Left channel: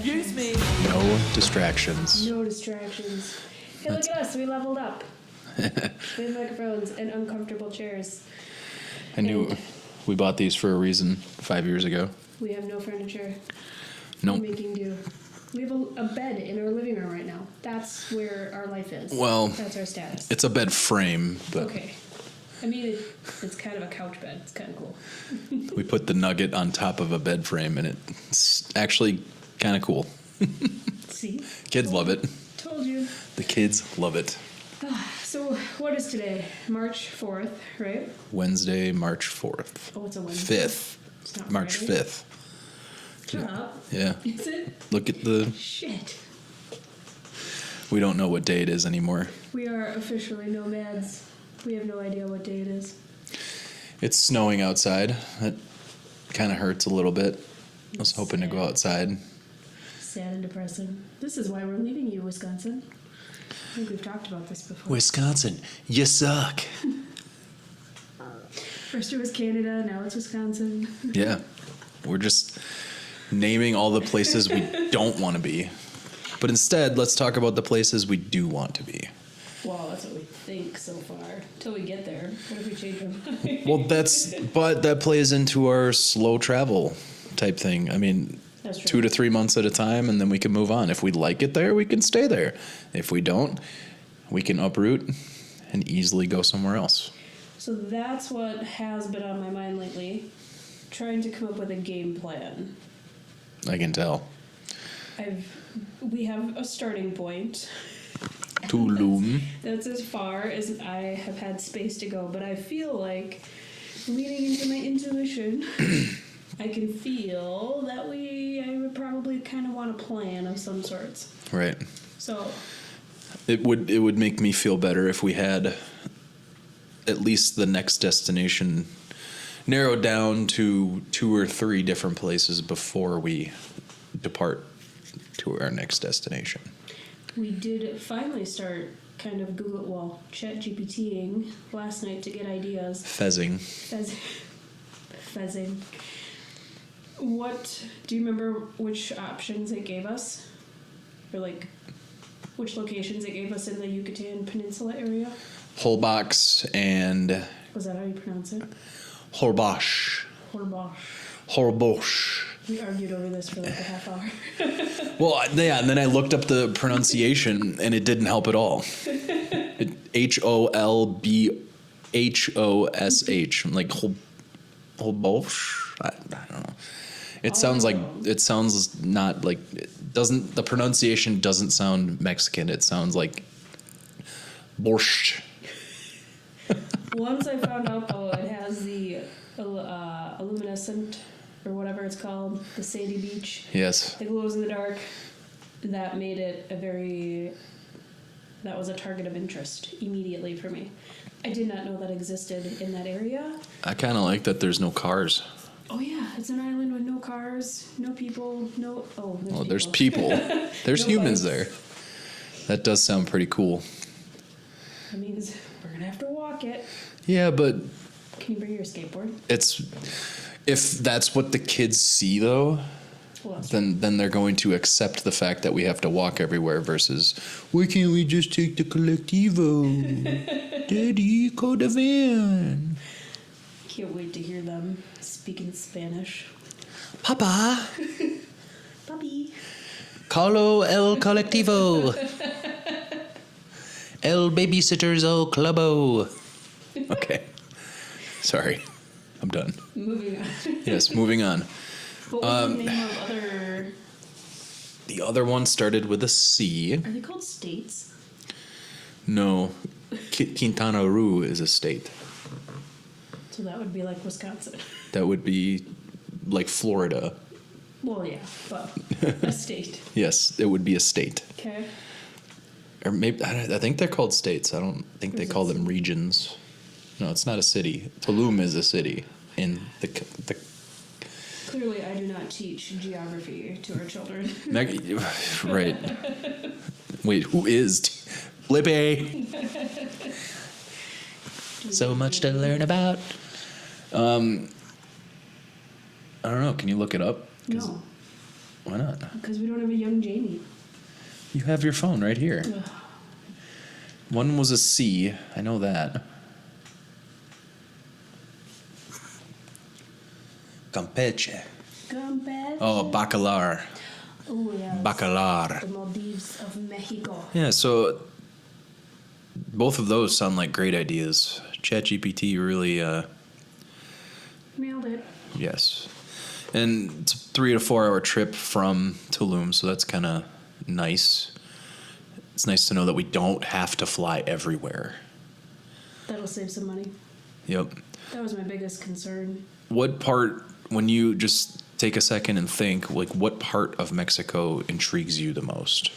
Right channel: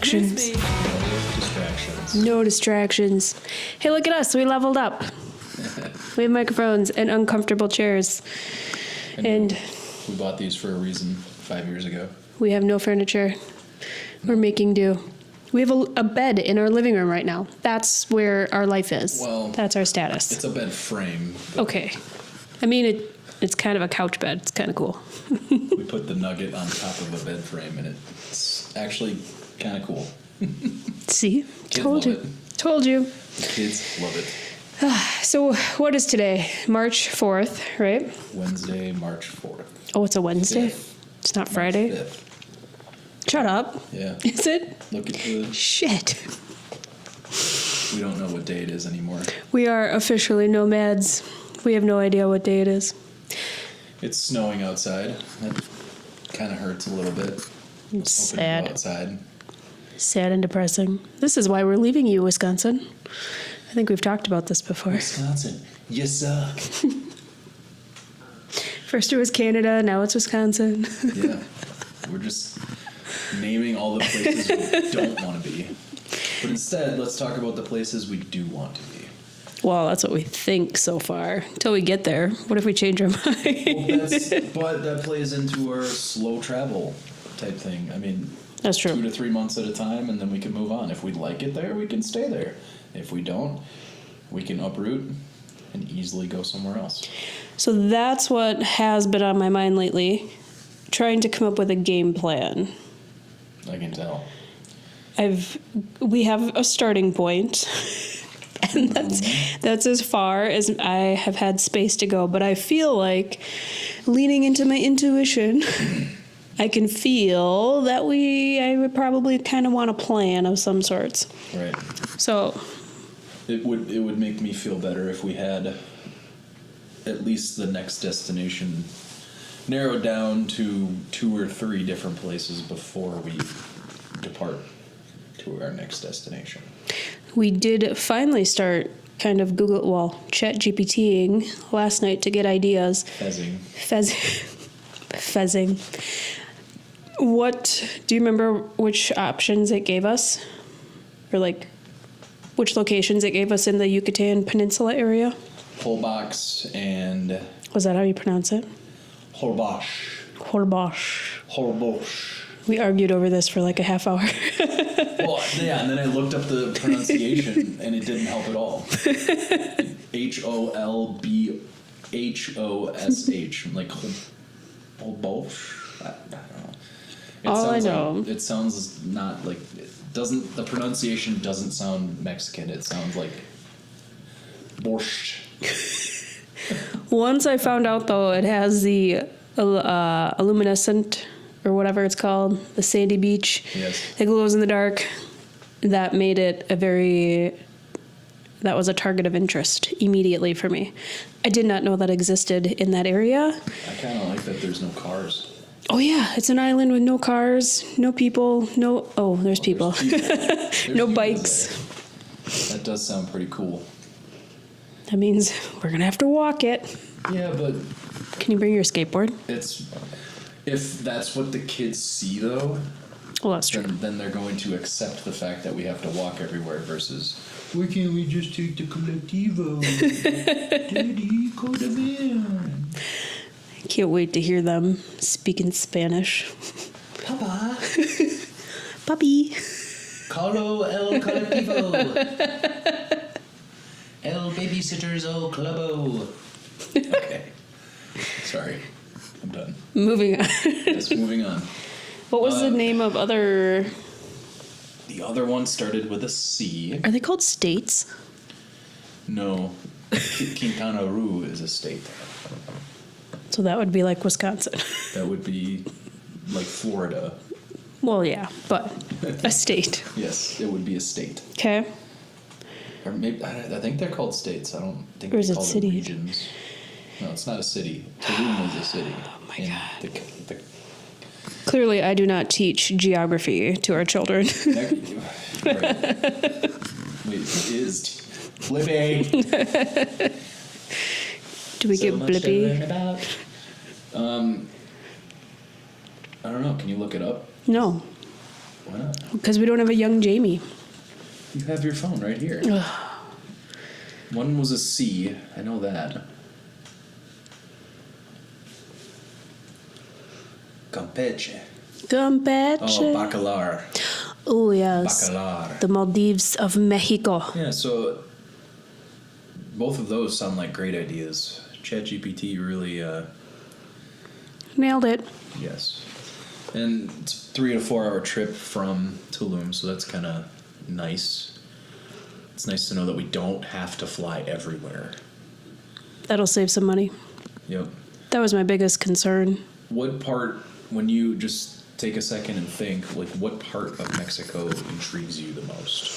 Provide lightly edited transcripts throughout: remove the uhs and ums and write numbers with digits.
distractions. Excuse me. No distractions. No distractions. Hey, look at us. We leveled up. We have microphones and uncomfortable chairs. And we bought these for a reason 5 years ago. We have no furniture. We're Nope. making do. We have a bed in our living room right now. That's where our life is. Well, that's our status. It's a bed frame. Okay. I mean, it's kind of a couch bed. It's kind of cool. We put the nugget on top of a bed frame, and it's actually kind of cool. See? Kids Told love you. it. Told you. The kids love it. So what is today? March 4th, right? Wednesday, March 4th. Oh, it's a Wednesday? 5th. It's not March Friday? 5th. Shut up. Yeah. Is it? Look at the... Shit. We don't know what day it is anymore. We are officially nomads. We have no idea what day it is. It's snowing outside. That kind of hurts a little bit. I was hoping to go outside. Sad and depressing. This is why we're leaving you, Wisconsin. I think we've talked about this before. Wisconsin, you suck. First it was Canada, now it's Wisconsin. Yeah. We're just naming all the places we don't want to be. But instead, let's talk about the places we do want to be. Well, that's what we think so far. Until we get there. What if we change our mind? Well, but that plays into our slow travel type thing. I mean, that's true. 2 to 3 months at a time, and then we can move on. If we like it there, we can stay there. If we don't, we can uproot and easily go somewhere else. So that's what has been on my mind lately. Trying to come up with a game plan. I can tell. We have a starting point. And that's as far as I have had space to go. But I feel like, leaning into my intuition, I can feel that I would probably kind of want a plan of some sorts. Right. So It would make me feel better if we had at least the next destination narrowed down to 2 or 3 different places before we depart to our next destination. we did finally start kind of chat GPTing last night to get ideas. Fezzing. Fezzing. Do you remember which options it gave us? Or like which locations it gave us in the Yucatan Peninsula area? Holbox and... Was that how you pronounce it? Holbox. Holbox. Holbox. We argued over this for like a half hour. Well, yeah, and then I looked up the pronunciation, and it didn't help at all. Holbhosh. I'm like, Holbox? I don't know. It sounds not like... The pronunciation doesn't sound Mexican. It sounds like borscht. Once I found out, though, it has the luminescent, or whatever it's called, the sandy beach. Yes. It glows in the dark. That made it that was a target of interest immediately for me. I did not know that existed in that area. I kind of like that there's no cars. Oh, yeah. It's an island with no cars, no people, there's people. There's people. There's no humans bikes. there. That does sound pretty cool. That means we're going to have to walk it. Yeah, but... Can you bring your skateboard? If that's what the kids see, though... Well, that's true. Then they're going to accept the fact that we have to walk everywhere versus, why can't we just take the Collectivo? Daddy, call the van. Can't wait to hear them speaking Spanish. Papa. Puppy. Calo el Collectivo. El babysitters o clubo. Okay. Sorry. I'm done. Moving on. Yes, moving on. What was the name of other... The other one started with a C. Are they called states? No. Quintana Roo is a state. So that would be like Wisconsin. That would be like Florida. Well, yeah, but a state. Yes, it would be a state. Okay. Or maybe I think they're called states. I don't think Or they is it call them city? regions. No, it's not a city. Tulum is a city. Oh my in God. the Clearly, I do not teach geography to our children. right. Wait, who is? Flippy. Do we So give much Blippi? to learn about. I don't know. Can you look it up? No. Why not? Because we don't have a young Jamie. You have your phone right here. One was a C. I know that. Campeche. Campeche. Oh, bacalar. Oh, yes. Bacalar. The Maldives of Mexico. Yeah, so both of those sound like great ideas. ChatGPT really, Nailed it. yes. And it's a 3 to 4 hour trip from Tulum, so that's kind of nice. It's nice to know that we don't have to fly everywhere. That'll save some money. Yep. That was my biggest concern. What part, when you just take a second and think, like, what part of Mexico intrigues you the most?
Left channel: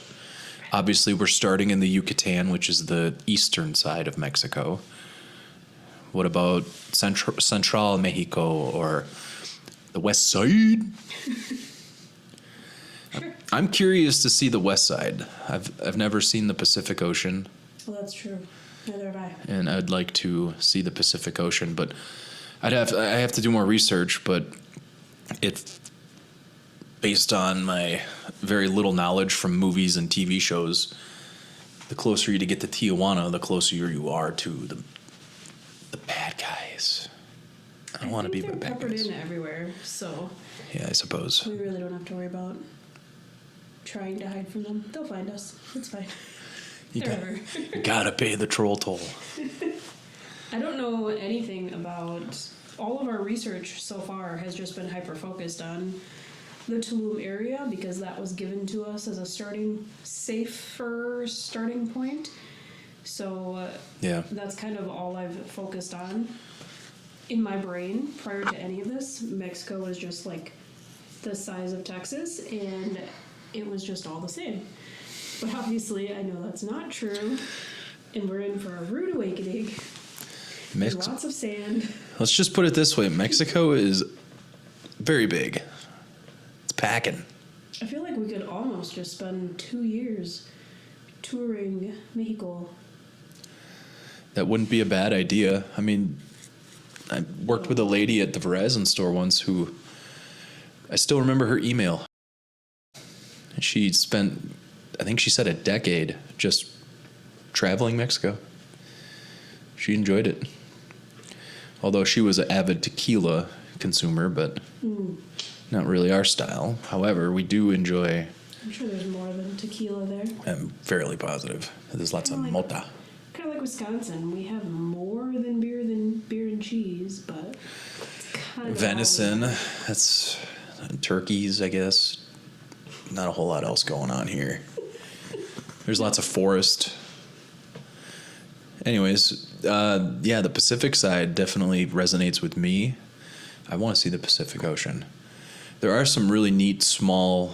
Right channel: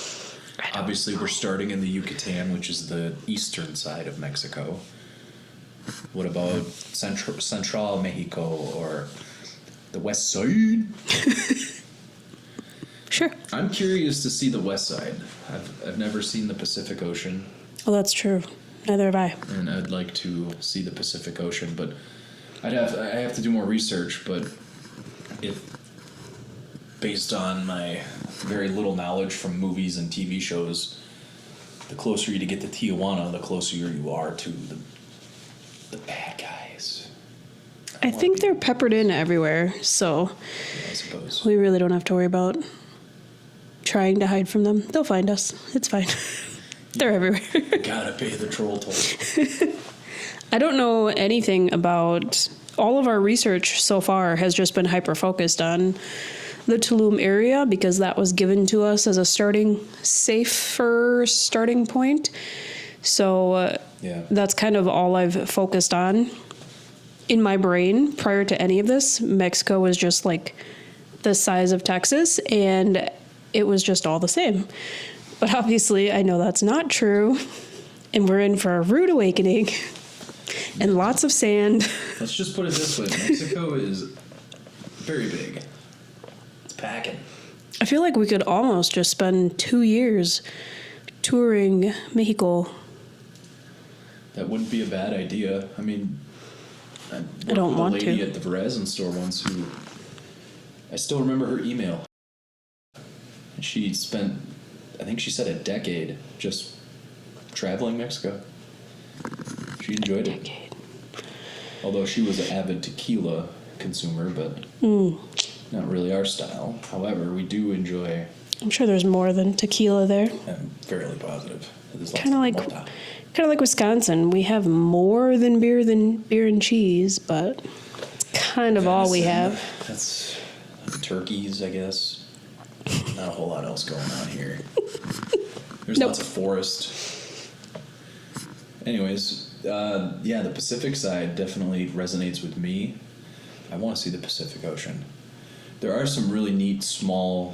Obviously, we're starting in the Yucatan, which is the eastern side of Mexico. What about Central Mexico or the west side? Sure. I'm curious to see the west side. I've never seen the Pacific Ocean, Well, that's true. Neither have I. and I'd like to see the Pacific Ocean, but I have to do more research. But based on my very little knowledge from movies and TV shows, the closer you get to Tijuana, the closer you are to the bad guys. I don't wanna think be they're the bad peppered guys. in everywhere, so Yeah, I suppose. we really don't have to worry about trying to hide from them. They'll find us. It's fine. They're everywhere. You gotta pay the troll toll. I don't know anything about... All of our research so far has just been hyper-focused on the Tulum area because that was given to us as a safer starting point. So Yeah. that's kind of all I've focused on. In my brain, prior to any of this, Mexico was just like the size of Texas, and it was just all the same. But obviously, I know that's not true, and we're in for a rude awakening and lots of sand. Let's just put it this way: Mexico is very big. It's packing. I feel like we could almost just spend 2 years touring Mexico. That wouldn't be a bad idea. I mean, I worked don't with a want lady to. at the Verizon store once who I still remember her email. And she spent, I think she said, a decade just traveling Mexico. She enjoyed it. Although she was an avid tequila consumer, but not really our style. However, we do enjoy. I'm sure there's more than tequila there. I'm fairly positive. There's lots Kinda of like- mota. Kind of like Wisconsin. We have more than beer and cheese, but kind of all we Venison, have. that's turkeys, I guess. Not a whole lot else going on here. There's Nope. lots of forest. Anyways, yeah, the Pacific side definitely resonates with me. I want to see the Pacific Ocean. There are some really neat small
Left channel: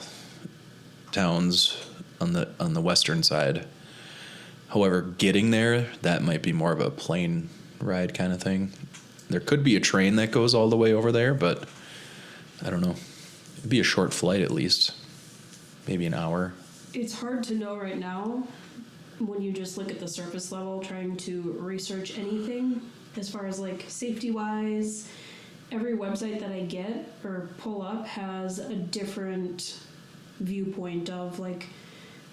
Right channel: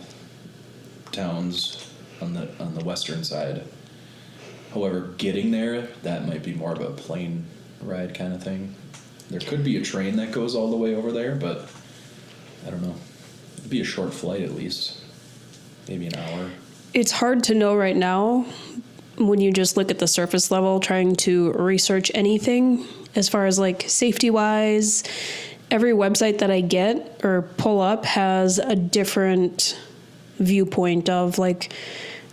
towns on the western side. However, getting there, that might be more of a plane ride kind of thing. There could be a train that goes all the way over there, but I don't know. It'd be a short flight at least. Maybe an hour. It's hard to know right now when you just look at the surface level trying to research anything as far as like safety wise. Every website that I get or pull up has a different viewpoint of like,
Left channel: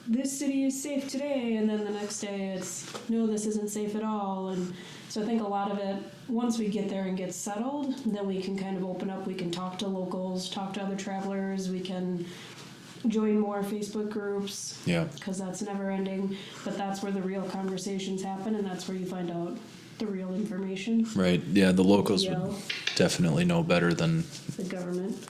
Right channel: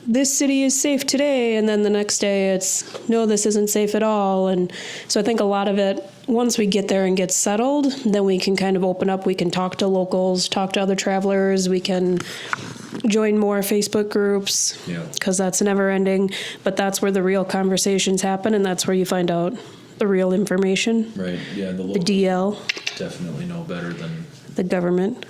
this city is safe today, and then the next day it's, no, this isn't safe at all. And so I think a lot of it, once we get there and get settled, then we can kind of open up. We can talk to locals, talk to other travelers. We can join more Facebook groups. Yeah. Because that's never ending. But that's where the real conversations happen, and that's where you find out the real information. Right. Yeah, the locals DL. would definitely know better than The government.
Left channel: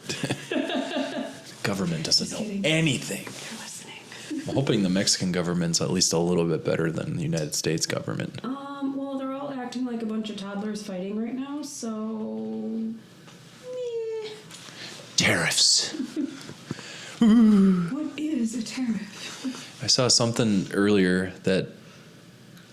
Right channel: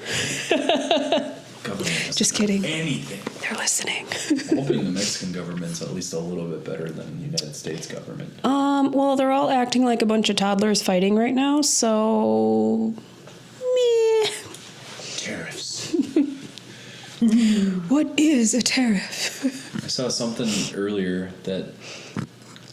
government. Doesn't Just know kidding. anything. They're listening. I'm hoping the Mexican government's at least a little bit better than the United States government. Well, they're all acting like a bunch of toddlers fighting right now, so... Meh. Tariffs. What is a tariff? I saw something earlier that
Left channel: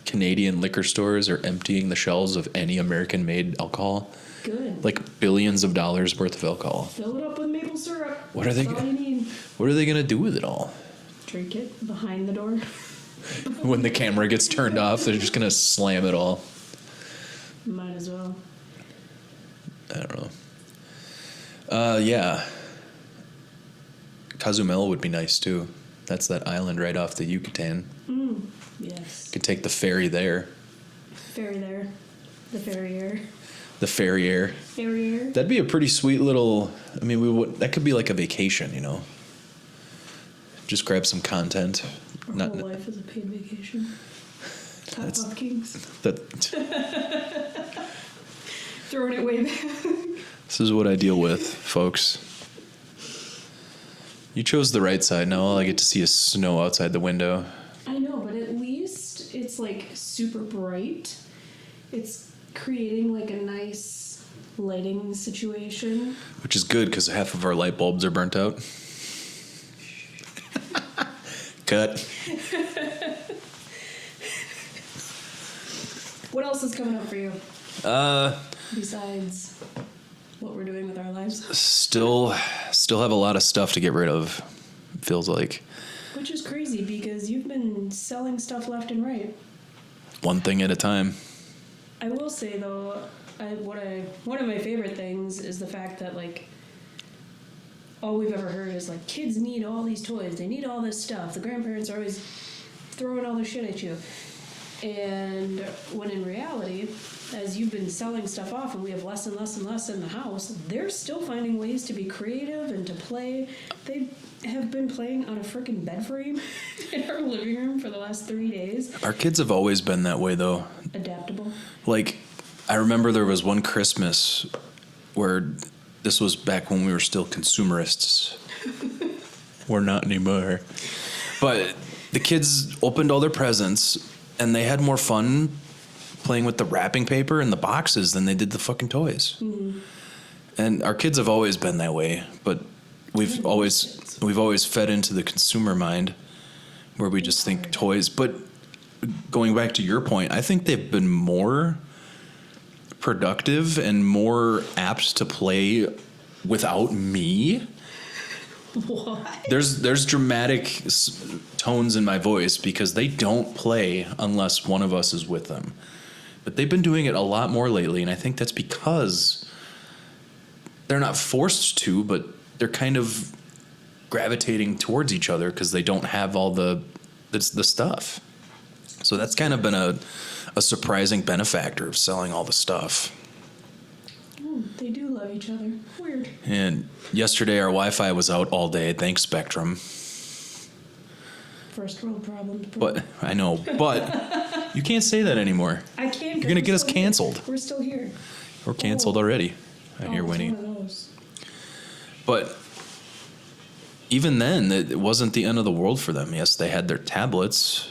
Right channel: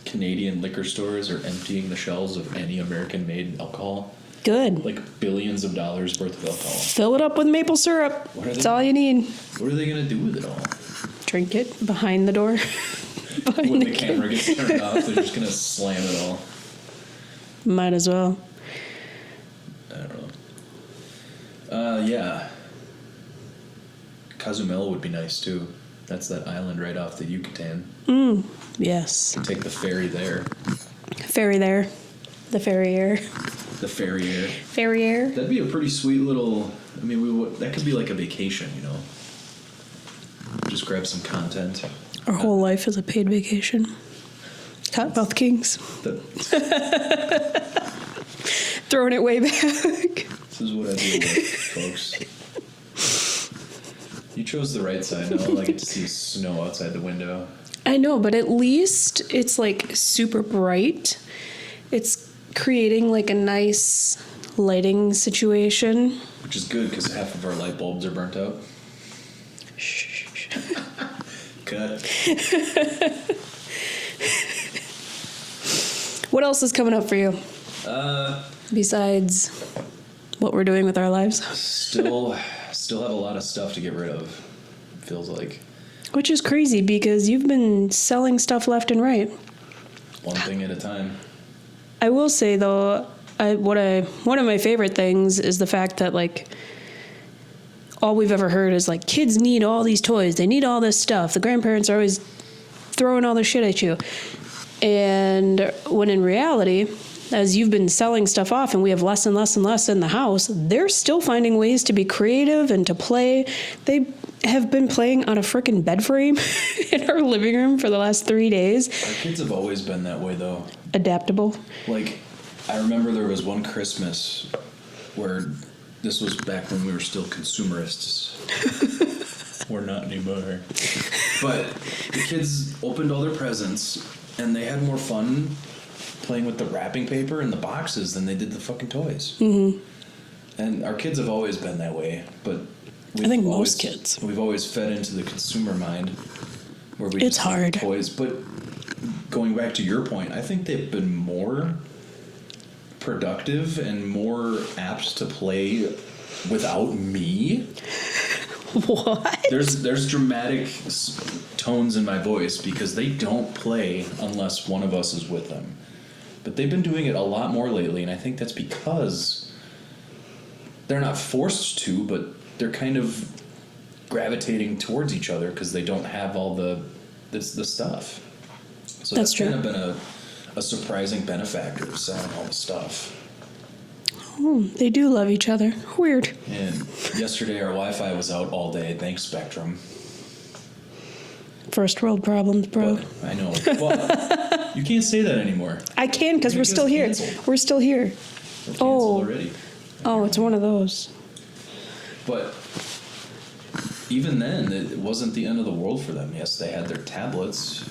Canadian liquor stores are emptying the shelves of any American-made alcohol. Good. Like billions of dollars worth of alcohol. Fill it up with maple syrup. What are they That's all gonna- you need. What are they going to do with it all? Drink it behind the door. Behind When the camera gets turned off, they're just going to slam it all. Might as well. I don't know. Yeah. Cozumel would be nice too. That's that island right off the Yucatan. Yes. You can take the ferry there. Ferry there. The Ferrier. The Ferrier. Ferrier. That'd be a pretty sweet little. I mean, that could be like a vacation, you know. Just grab some content. Our whole life is a paid vacation. Cottonmouth Kings. That. Throwing it way back. This is what I deal with, folks. You chose the right side. Now all I get to see is snow outside the window. I know, but at least it's like super bright. It's creating like a nice lighting situation. Which is good because half of our light bulbs are burnt out. Cut. What else is coming up for you? Besides what we're doing with our lives? Still have a lot of stuff to get rid of, feels like. Which is crazy because you've been selling stuff left and right. One thing at a time. I will say though, one of my favorite things is the fact that like all we've ever heard is like kids need all these toys, they need all this stuff. The grandparents are always throwing all this shit at you. And when in reality, as you've been selling stuff off and we have less and less and less in the house, they're still finding ways to be creative and to play. They have been playing on a frickin' bed frame in our living room for the last 3 days. Our kids have always been that way, though. Adaptable. Like, I remember there was one Christmas where this was back when we were still consumerists. We're not anymore. But the kids opened all their presents, and they had more fun playing with the wrapping paper and the boxes than they did the fucking toys. Mm-hmm. And our kids have always been that way, but we've always fed into the consumer mind where we just think toys. But going back to your point, I think they've been more productive and more apt to play without me. What? There's dramatic tones in my voice because they don't play unless one of us is with them. But they've been doing it a lot more lately, and I think that's because they're not forced to, but they're kind of gravitating towards each other because they don't have all the stuff. So that's kind of been a surprising benefactor of selling all the stuff. Oh, they do love each other. Weird. And yesterday our Wi-Fi was out all day. Thanks, Spectrum. First world problems, bro. But I know, but you can't say that anymore. I can because we're still here. We're still here. We're canceled already. Oh, it's one of those. But even then, it wasn't the end of the world for them. Yes, they had their tablets,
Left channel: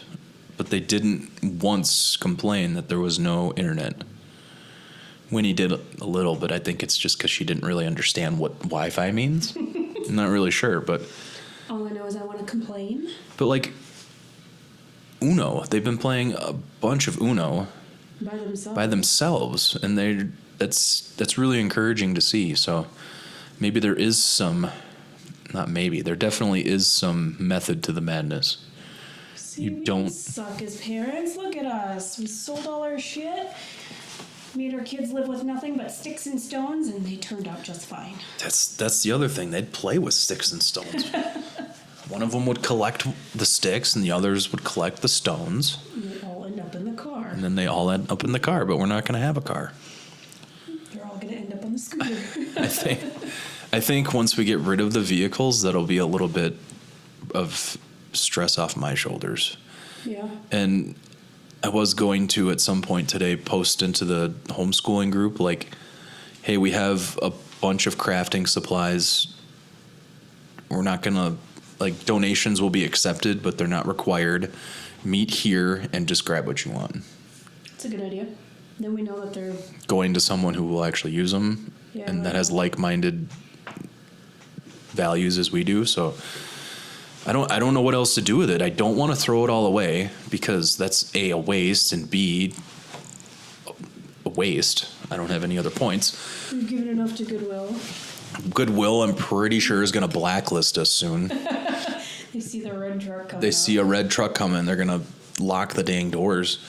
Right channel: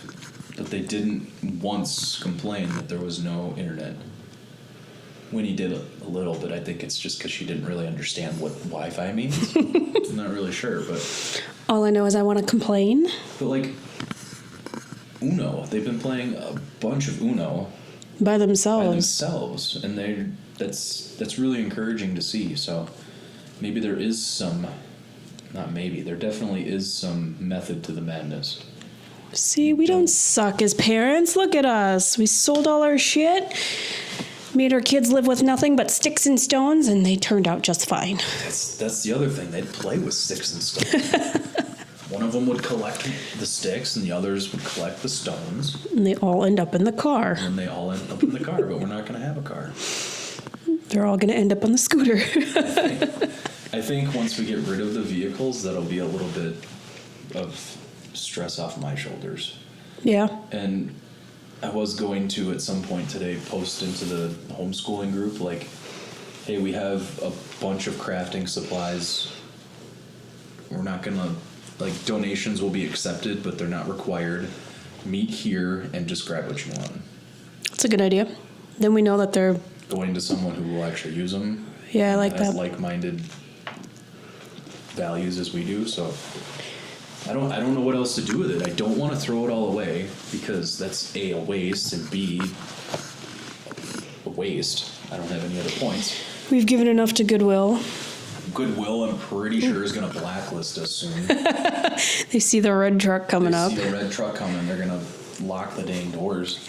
but they didn't once complain that there was no internet. Winnie did a little, but I think it's just because she didn't really understand what Wi-Fi means. I'm not really sure, but... All I know is I want to complain. But, like, Uno. They've been playing a bunch of Uno. By themselves. And that's really encouraging to see. So maybe there is some... Not maybe. There definitely is some method to the madness. See, we don't suck as parents. Look at us. We sold all our shit. Made our kids live with nothing but sticks and stones, and they turned out just fine. That's the other thing. They'd play with sticks and stones. One of them would collect the sticks, and the others would collect the stones. And they all end up in the car. And then they all end up in the car, but we're not going to have a car. They're all going to end up on the scooter. I think once we get rid of the vehicles, that'll be a little bit of stress off my shoulders. Yeah. And I was going to, at some point today, post into the homeschooling group, like, hey, we have a bunch of crafting supplies. We're not going to, like, donations will be accepted, but they're not required. Meet here and just grab what you want. That's a good idea. Then we know that they're... Going to someone who will actually use them. Yeah, and I like that has that. like-minded values as we do, so... I don't know what else to do with it. I don't want to throw it all away because that's A, a waste, and B, a waste. I don't have any other points. We've given enough to Goodwill. Goodwill, I'm pretty sure, is going to blacklist us soon. They see the red truck coming up. They see a red truck coming. They're going to lock the dang doors.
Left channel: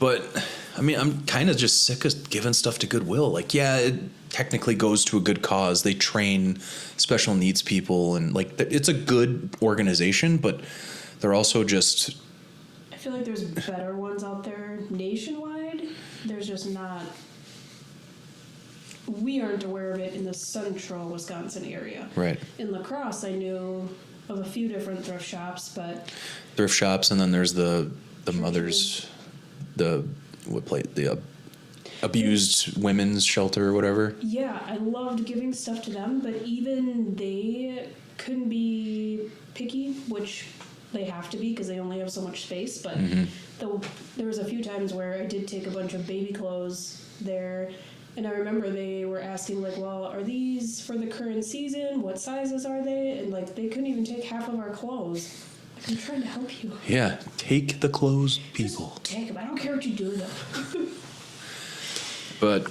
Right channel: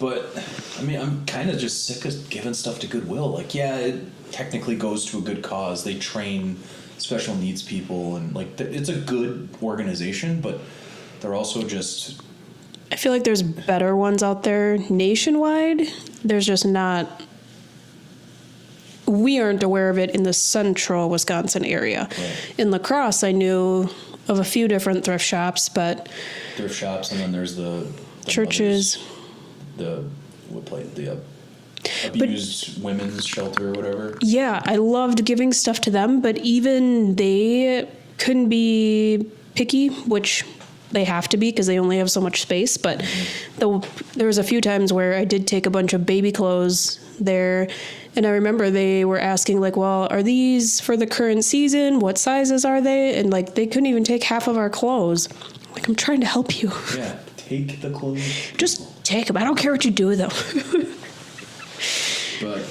But, I mean, I'm kind of just sick of giving stuff to Goodwill. Like, yeah, technically goes to a good cause. They train special needs people, and like it's a good organization, but they're also just. I feel like there's better ones out there nationwide. There's just not. We aren't aware of it in the central Wisconsin area. Right. In La Crosse, I knew of a few different thrift shops, but Thrift shops, and then there's the churches. The abused women's shelter or whatever. Yeah, I loved giving stuff to them, but even they couldn't be picky, which they have to be because they only have so much space. But there was a few times where I did take a bunch of baby clothes there, and I remember they were asking like, well, are these for the current season? What sizes are they? And like they couldn't even take half of our clothes. Like, I'm trying to help you. Yeah, take the clothes. Just take them. I don't care what you do with them. But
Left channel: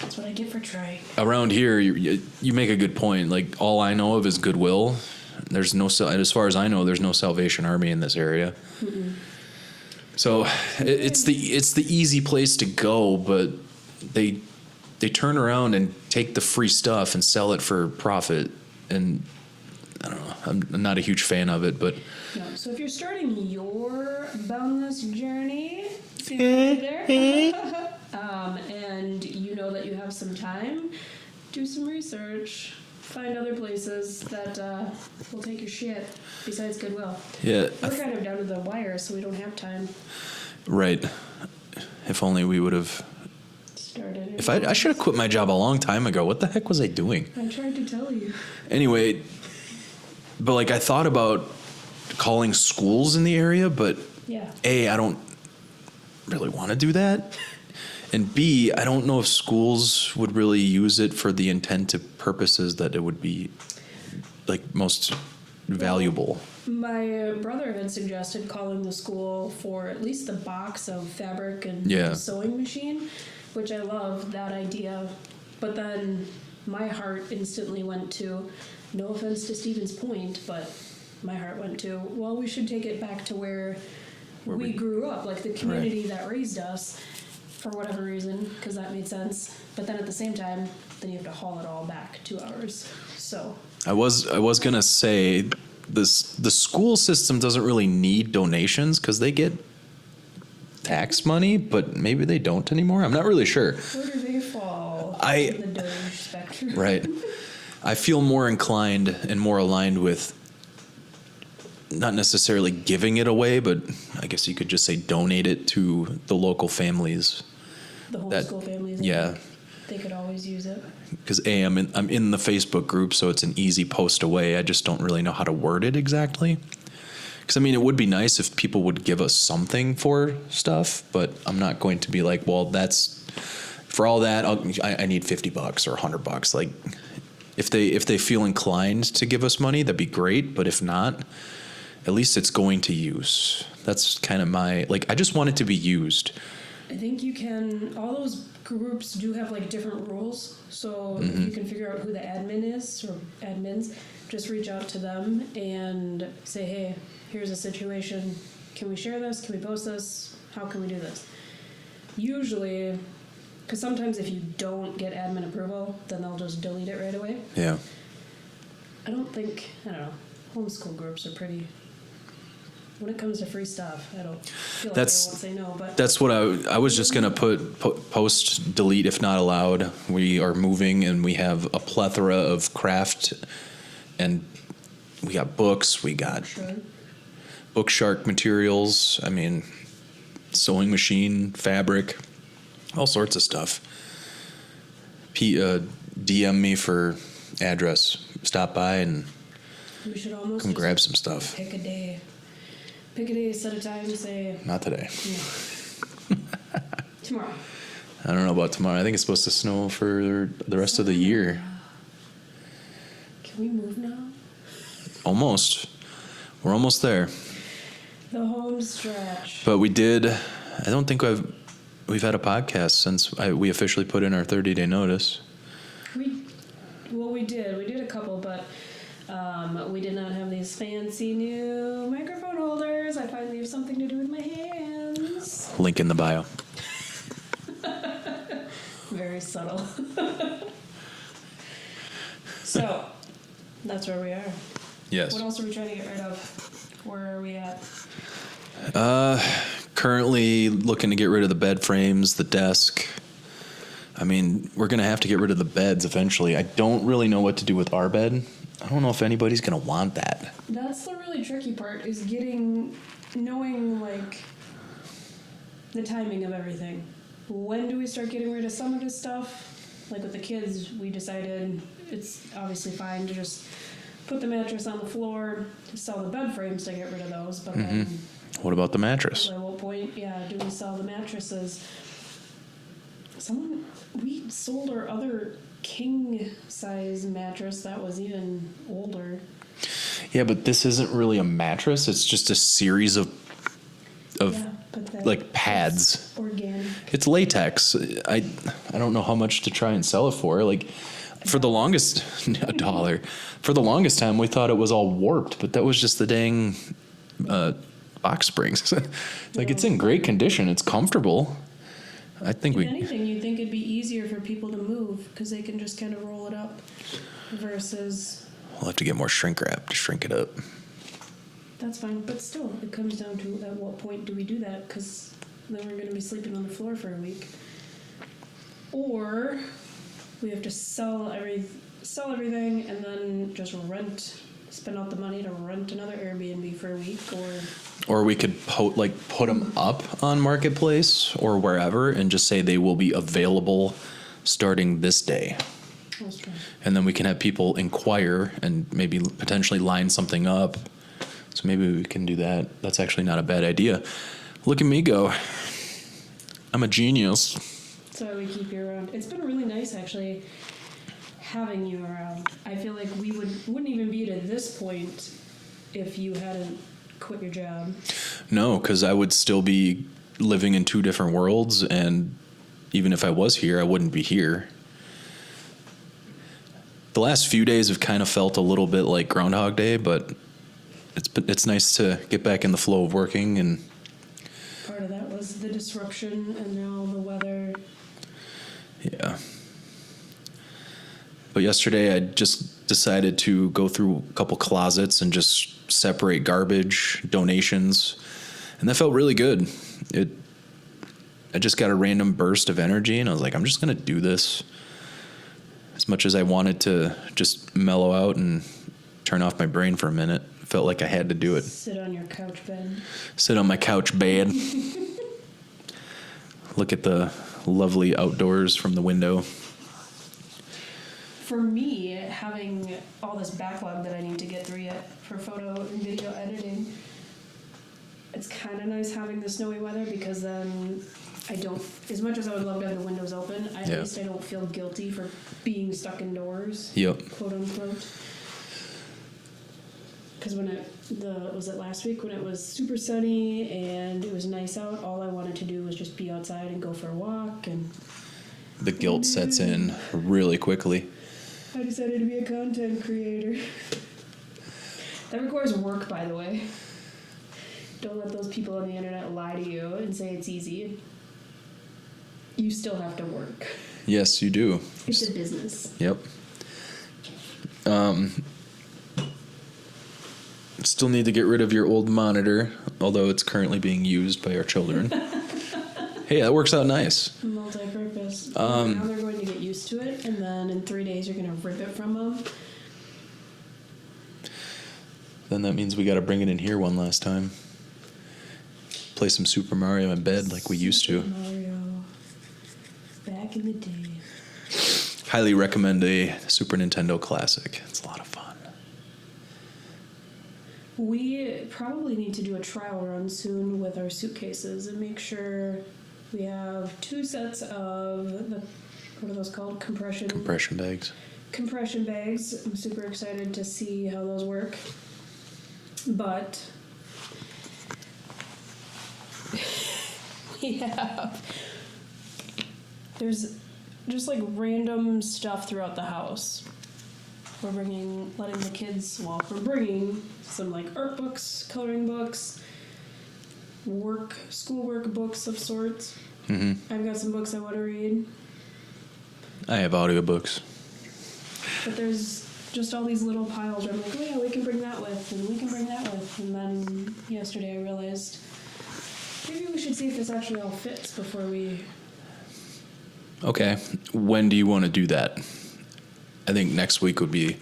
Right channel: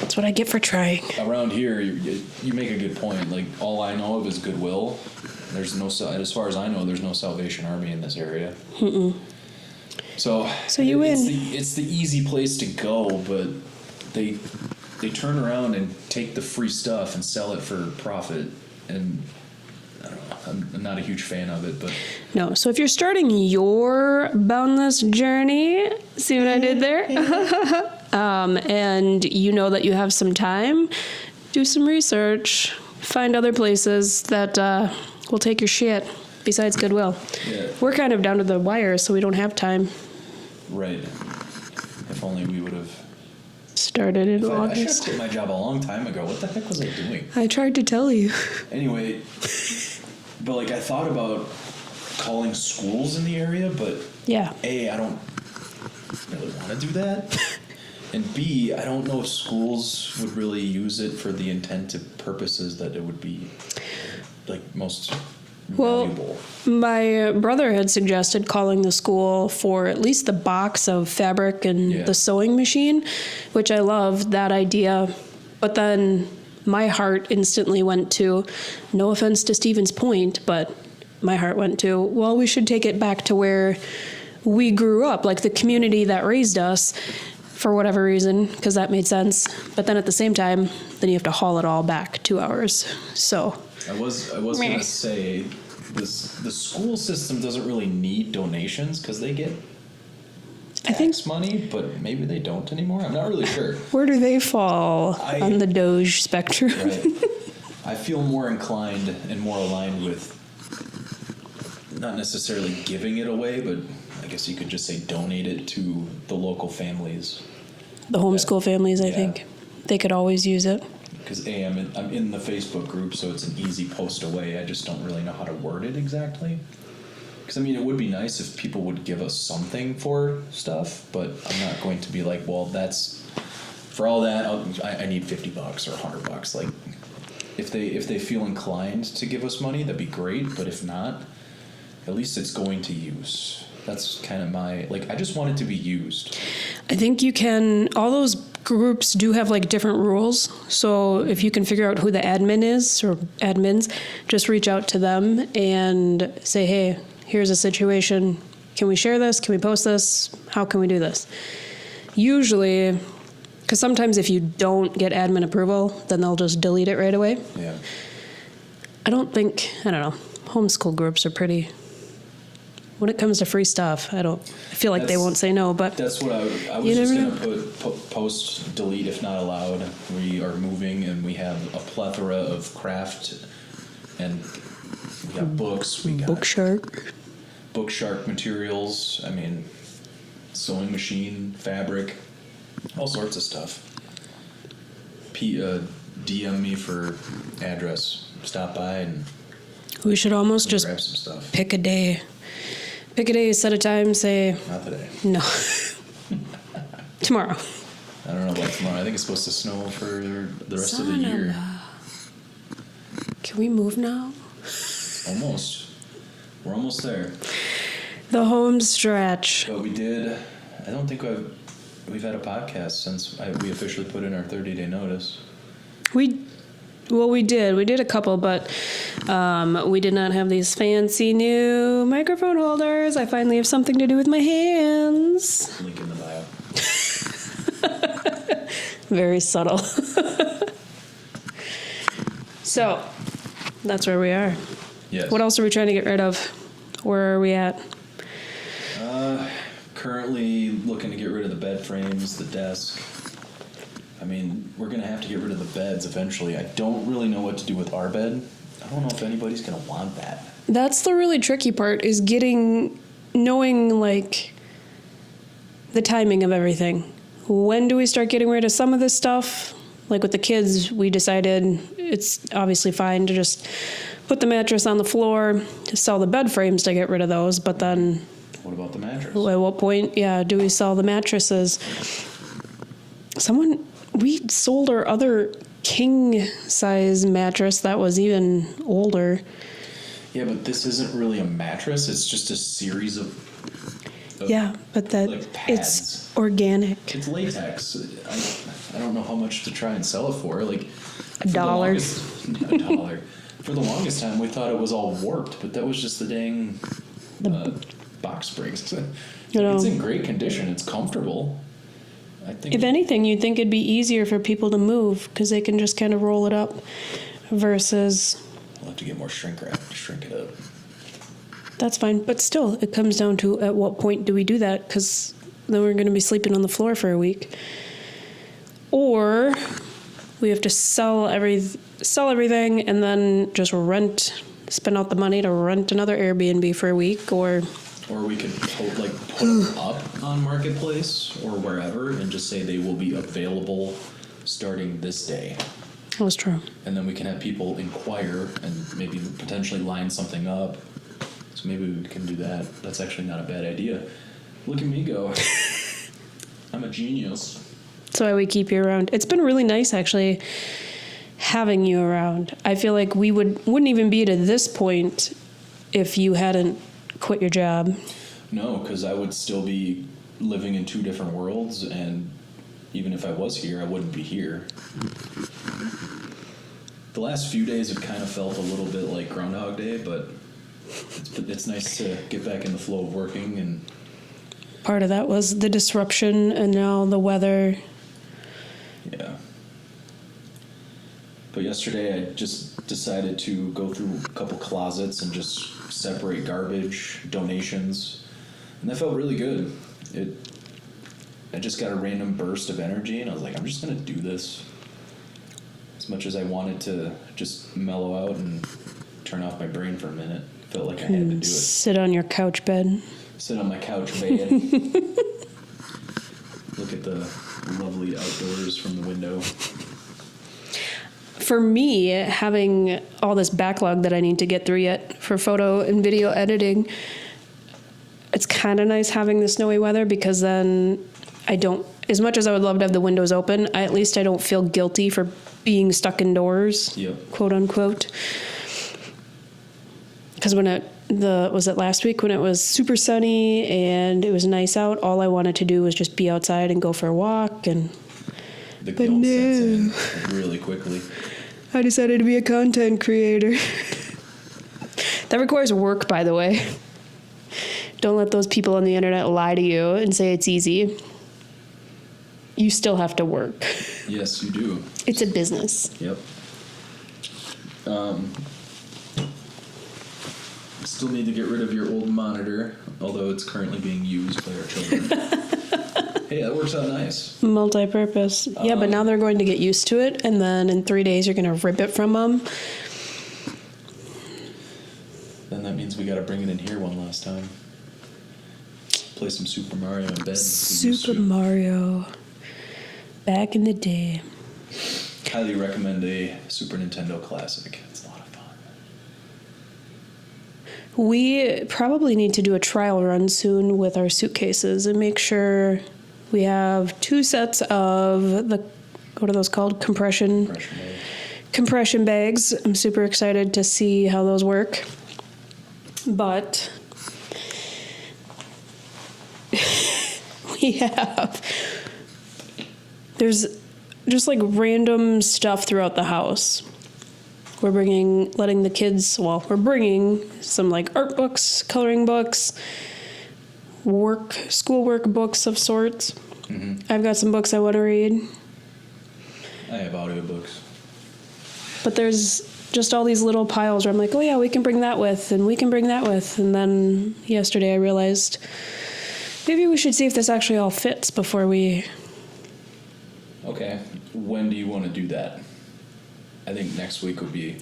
that's what I get for trying. around here, you make a good point. Like, all I know of is Goodwill. There's no, as far as I know, there's no Salvation Army in this area. So it's the easy place to go, but they turn around and take the free stuff and sell it for profit, and I don't know. I'm not a huge fan of it, but No, so if you're starting your boundless journey, see what I did there? And you know that you have some time, do some research, find other places that will take your shit besides Goodwill. yeah, We're kind of down to the wire, so we don't have time. right. If only we would have. Started in I August. should have quit my job a long time ago. What the heck was I doing? I tried to tell you. Anyway, but like I thought about calling schools in the area, but Yeah. A, I don't really want to do that. And B, I don't know if schools would really use it for the intended purposes that it would be like most valuable. My brother had suggested calling the school for at least the box of fabric and Yeah. the sewing machine, which I love that idea. But then my heart instantly went to, no offense to Stephen's point, but my heart went to, well, we should take it back to where we grew up, like the community that raised us for whatever reason, because that made sense. But then at the same time, then you have to haul it all back 2 hours. So I was gonna say the school system doesn't really need donations because they get tax money, but maybe they don't anymore. I'm not really sure. where do they fall on the Doge spectrum? Right. I feel more inclined and more aligned with not necessarily giving it away, but I guess you could just say donate it to the local families. The homeschool families, I yeah. think. They could always use it. Because I'm in the Facebook group, so it's an easy post away. I just don't really know how to word it exactly. Because I mean, it would be nice if people would give us something for stuff, but I'm not going to be like, well, that's for all that. I need $50 or $100. Like, if they feel inclined to give us money, that'd be great. But if not, at least it's going to use. That's kind of my like. I just want it to be used. I think you can, all those groups do have like different rules. So if you can figure out who the admin is or admins, just reach out to them and say, hey, here's a situation. Can we share this? Can we post this? How can we do this? Usually, because sometimes if you don't get admin approval, then they'll just delete it right away. Yeah. I don't know. Homeschool groups are pretty, when it comes to free stuff, I don't feel like they won't say no, but That's what I was just know? going to put post, delete if not allowed. We are moving and we have a plethora of craft, and we got books, we got Bookshark materials, I mean, sewing machine, fabric, all sorts of stuff. DM me for address. Stop by and we should almost just grab some stuff. pick a day, set a time, say, Not today. no. Tomorrow. I don't know about tomorrow. I think it's supposed to snow for the rest of the year. Can we move now? Almost. We're almost there. The home stretch. But we did. I don't think we've had a podcast since we officially put in our 30-day notice. We did. We did a couple, but we did not have these fancy new microphone holders. I finally have something to do with my hands. Link in the bio. Very subtle. So, that's where we are. Yes. What else are we trying to get rid of? Where are we at? Currently looking to get rid of the bed frames, the desk. I mean, we're going to have to get rid of the beds eventually. I don't really know what to do with our bed. I don't know if anybody's going to want that. That's the really tricky part, is knowing, like, the timing of everything. When do we start getting rid of some of this stuff? Like with the kids, we decided it's obviously fine to just put the mattress on the floor, to sell the bed frames to get rid of those, but then... What about the mattress? At what point, do we sell the mattresses? We sold our other king-size mattress that was even older. Yeah, but this isn't really a mattress. It's just a series of but that like pads. It's organic. It's latex. I don't know how much to try and sell it for. Like for the longest $1. For the longest time, we thought it was all warped, but that was just the dang box springs. It's in great condition. It's comfortable. I think. If anything, you'd think it'd be easier for people to move because they can just kind of roll it up, versus. We'll have to get more shrink wrap to shrink it up. That's fine, but still, it comes down to at what point do we do that? Because then we're going to be sleeping on the floor for a week, or we have to sell everything and then just spend out the money to rent another Airbnb for a week, or we could put them up on Marketplace or wherever and just say they will be available starting this day. That's true. And then we can have people inquire and maybe potentially line something up. So maybe we can do that. That's actually not a bad idea. Look at me go. I'm a genius. That's why we keep you around. It's been really nice, actually, having you around. I feel like we wouldn't even be to this point if you hadn't quit your job. No, because I would still be living in two different worlds, and even if I was here, I wouldn't be here. The last few days have kind of felt a little bit like Groundhog Day, but it's nice to get back in the flow of working. And part of that was the disruption, and now the weather. Yeah. But yesterday I just decided to go through a couple closets and just separate garbage, donations, and that felt really good. I just got a random burst of energy, and I was like, I'm just going to do this. As much as I wanted to just mellow out and turn off my brain for a minute, felt like I had to do it. Sit on your couch bed. Sit on my couch bed. Look at the lovely outdoors from the window. For me, having all this backlog that I need to get through yet for photo and video editing, it's kind of nice having the snowy weather, because then I don't, as much as I would love to have the windows open, at least I don't feel guilty for being stuck indoors, quote unquote. Because was it last week when it was super sunny and it was nice out, all I wanted to do was just be outside and go for a walk, and the guilt sets in really quickly. I decided to be a content creator. That requires work, by the way. Don't let those people on the internet lie to you and say it's easy. You still have to work. Yes, you do. It's a business. Yep. Still need to get rid of your old monitor, although it's currently being used by our children. Hey, that works out nice. Multi-purpose. Yeah, but now they're going to get used to it, and then in 3 days you're going to rip it from them. Then that means we got to bring it in here one last time. Play some Super Mario in bed like we used to. Super Mario. Back in the day. Highly recommend a Super Nintendo Classic. It's a lot of fun. We probably need to do a trial run soon with our suitcases and make sure we have 2 sets of what are those called? Compression bags. Compression bags. I'm super excited to see how those work. But there's just like random stuff throughout the house. We're bringing some like art books, coloring books, schoolwork books of sorts. Mm-hmm. I've got some books I want to read. I have audiobooks. But there's just all these little piles where I'm like, oh yeah, we can bring that with, and we can bring that with. And then yesterday I realized maybe we should see if this actually all fits before we... Okay. When do you want to do that? I think next week would be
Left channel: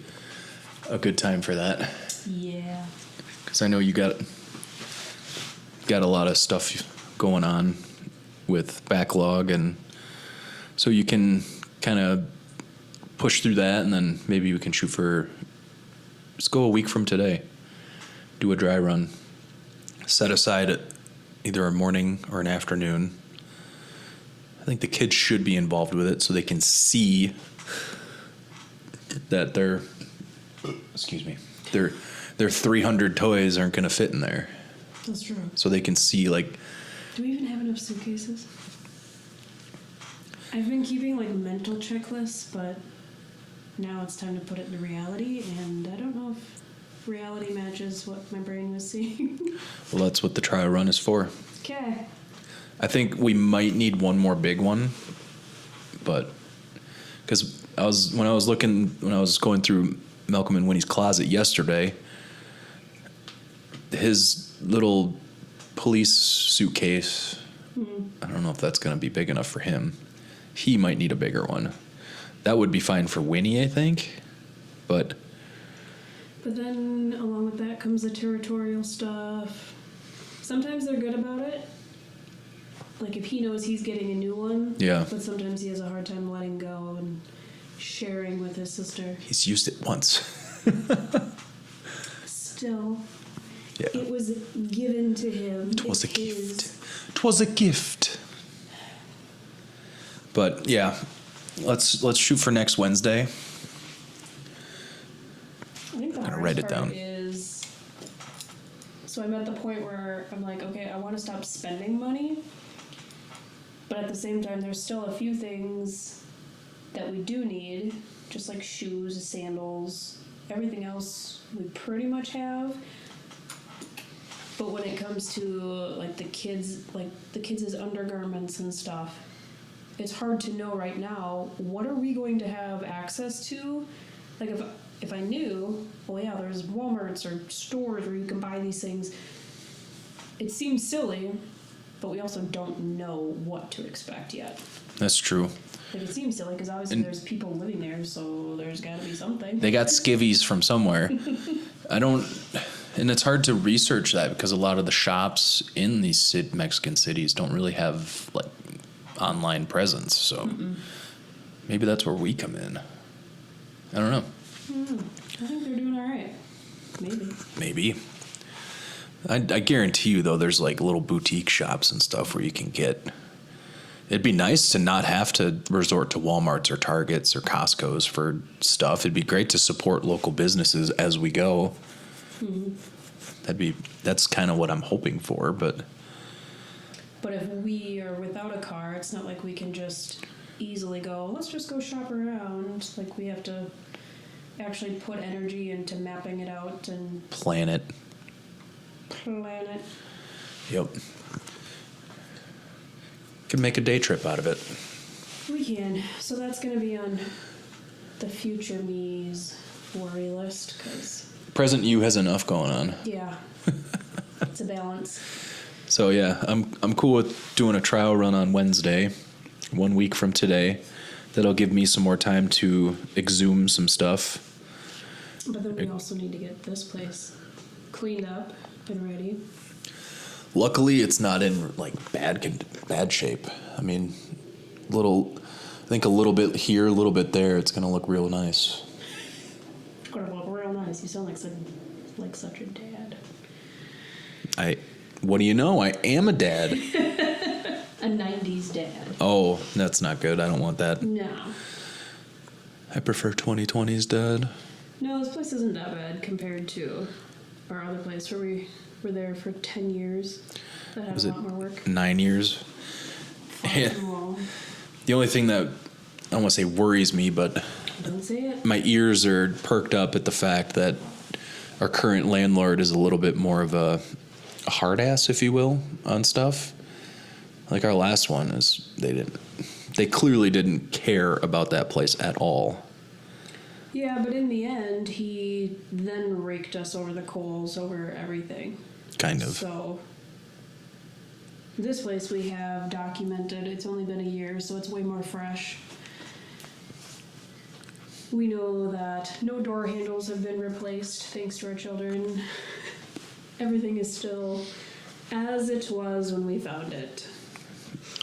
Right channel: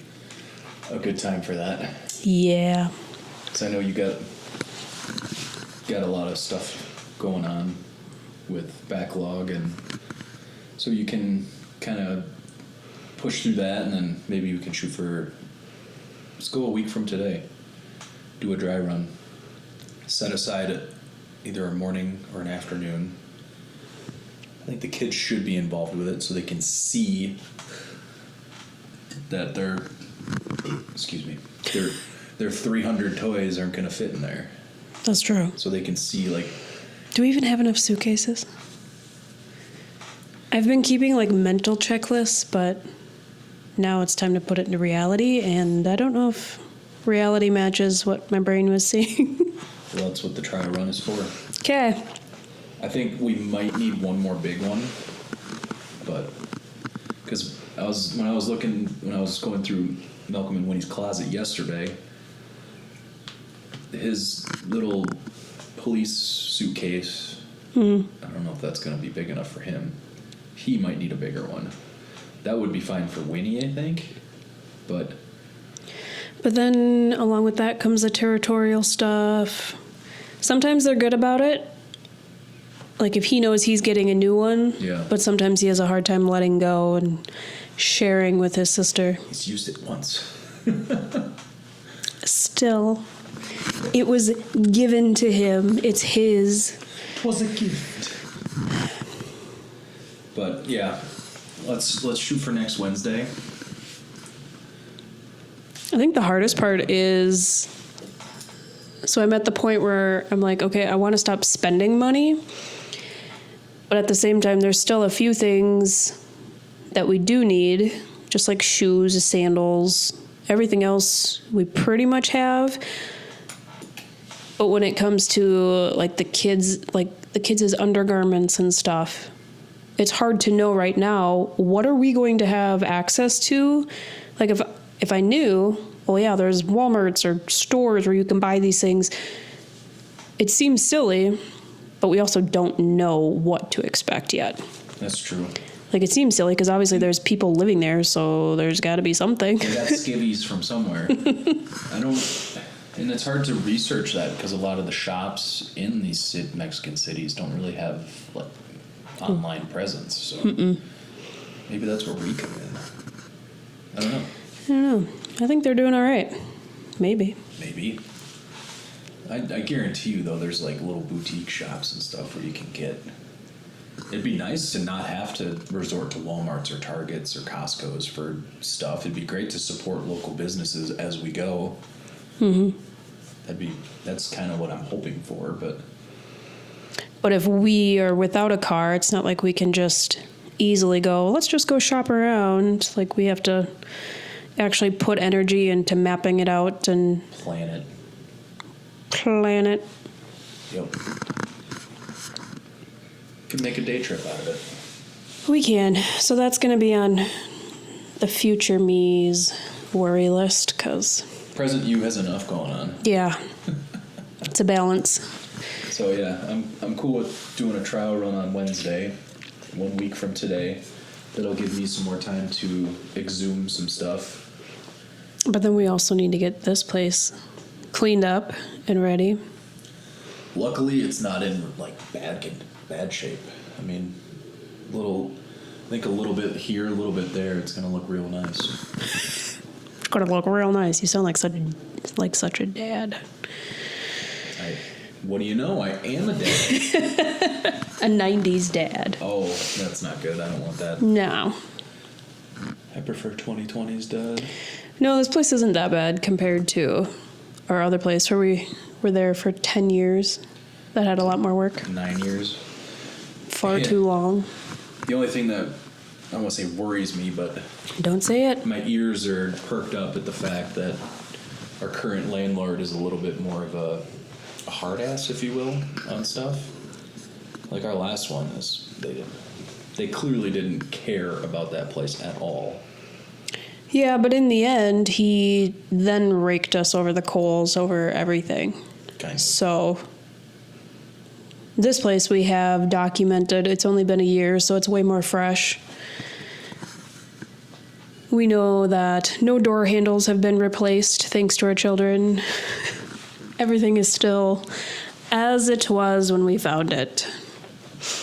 a good time for that. Yeah. Because I know you got a lot of stuff going on with backlog, and so you can kind of push through that, and then maybe we can shoot for, let's go a week from today, do a dry run, set aside either a morning or an afternoon. I think the kids should be involved with it so they can see that their 300 toys aren't going to fit in there. That's true. So they can see, like... Do we even have enough suitcases? I've been keeping, like, mental checklists, but now it's time to put it into reality, and I don't know if reality matches what my brain was seeing. Well, that's what the trial run is for. Okay. I think we might need one more big one, but... Because when I was going through Malcolm and Winnie's closet yesterday, his little police suitcase, I don't know if that's going to be big enough for him. He might need a bigger one. That would be fine for Winnie, I think, but then along with that comes the territorial stuff. Sometimes they're good about it, like if he knows he's getting a new one. Yeah. But sometimes he has a hard time letting go and sharing with his sister. He's used it once. Still, it was given to him. It's his. 'Twas a gift. But yeah, let's shoot for next Wednesday. I think the hardest Write it part down. is, so I'm at the point where I'm like, okay, I want to stop spending money, but at the same time, there's still a few things that we do need, just like shoes, sandals, everything else we pretty much have. But when it comes to like the kids' undergarments and stuff, it's hard to know right now, what are we going to have access to? Like if I knew, well, yeah, there's Walmarts or stores where you can buy these things. It seems silly, but we also don't know what to expect yet. That's true. Like, it seems silly because obviously there's people living there, so there's got to be something. They got skivvies from somewhere. And it's hard to research that because a lot of the shops in these Mexican cities don't really have like online presence. So maybe that's where we come in. I don't know. I think they're doing all right. Maybe. I guarantee you, though, there's like little boutique shops and stuff where you can get. It'd be nice to not have to resort to Walmarts or Targets or Costco's for stuff. It'd be great to support local businesses as we go. That's kind of what I'm hoping for, but if we are without a car, it's not like we can just easily go, let's just go shop around. Like, we have to actually put energy into mapping it out and plan it. Yep. Could make a day trip out of it. We can. So that's going to be on the future me's worry list, because... Present you has enough going on. Yeah. It's a balance. So yeah, I'm cool with doing a trial run on Wednesday, 1 week from today. That'll give me some more time to exhume some stuff. But then we also need to get this place cleaned up and ready. Luckily, it's not in like bad shape. I mean, I think a little bit here, a little bit there. It's gonna look real nice. It's gonna look real nice. You sound like such a dad. What do you know? I am a dad. A 90s dad. Oh, that's not good. I don't want that. No. I prefer 2020s dad. No, this place isn't that bad compared to our other place where we were there for 10 years. That had a lot more work. 9 years. Far too long. The only thing that, I don't want to say worries me, but... Don't say it. My ears are perked up at the fact that our current landlord is a little bit more of a hard ass, if you will, on stuff. Like our last one they clearly didn't care about that place at all. Yeah, but in the end, he then raked us over the coals over everything. Kind of. So this place we have documented, it's only been a year, so it's way more fresh. We know that no door handles have been replaced thanks to our children. Everything is still as it was when we found it.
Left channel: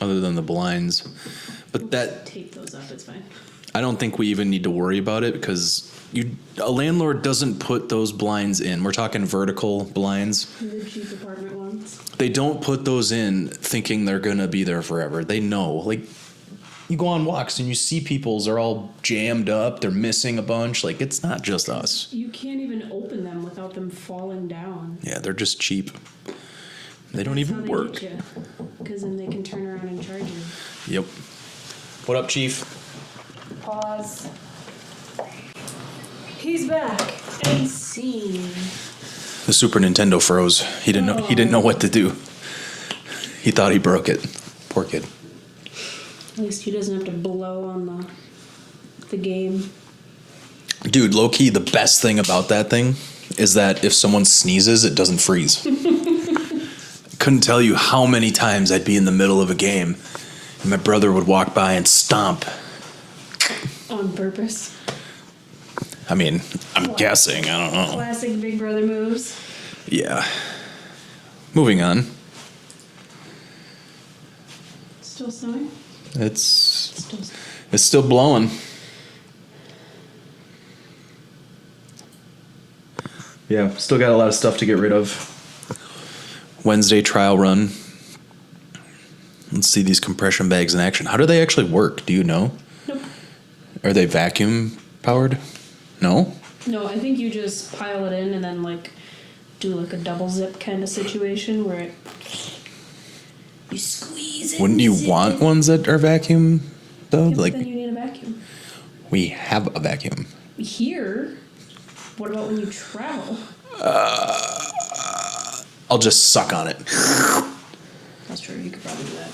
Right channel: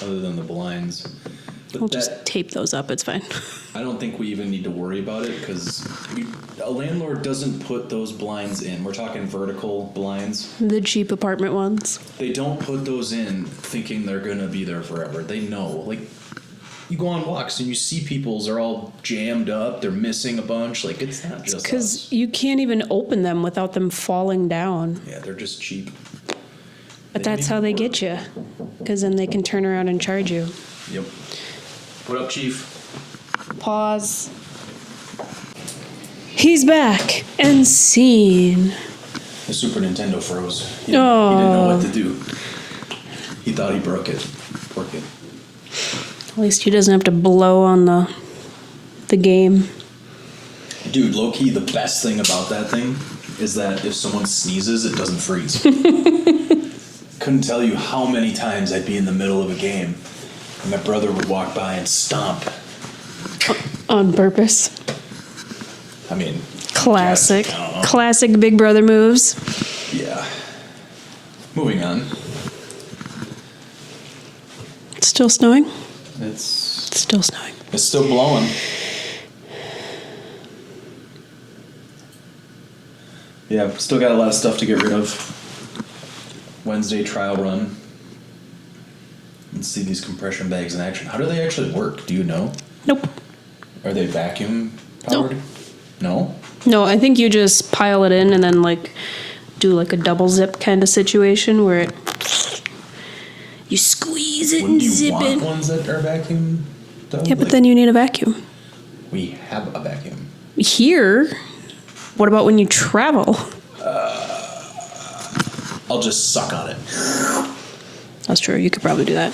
Other than the blinds. But We'll just tape those up, it's fine. I don't think we even need to worry about it because a landlord doesn't put those blinds in. We're talking vertical blinds. The cheap apartment ones. They don't put those in thinking they're going to be there forever. They know. Like, you go on walks and you see people's, they're all jammed up. They're missing a bunch. Like, it's not just us. Because you can't even open them without them falling down. Yeah, they're just cheap. But that's how they get you. Because then they can turn around and charge you. Yep. What up, Chief? Pause. He's back and seen. The Super Nintendo froze. He didn't know what to do. He thought he broke it. Poor kid. At least he doesn't have to blow on the game. Dude, low-key, the best thing about that thing is that if someone sneezes, it doesn't freeze. Couldn't tell you how many times I'd be in the middle of a game and my brother would walk by and stomp. On purpose. I mean, Classic. guessing, I don't know. Classic Big Brother moves. Yeah. Moving on. It's still snowing? It's It's still snowing. It's still blowing. Yeah, still got a lot of stuff to get rid of. Wednesday trial run. Let's see these compression bags in action. How do they actually work? Do you know? Nope. Are they vacuum powered? No? No, I think you just pile it in and then like do like a double zip kind of situation where you squeeze it. Wouldn't you zip want it. ones that are vacuum though? Yeah, but Like, then you need a vacuum. we have a vacuum. Here, what about when you travel? I'll just suck on it. That's true. You could probably do that.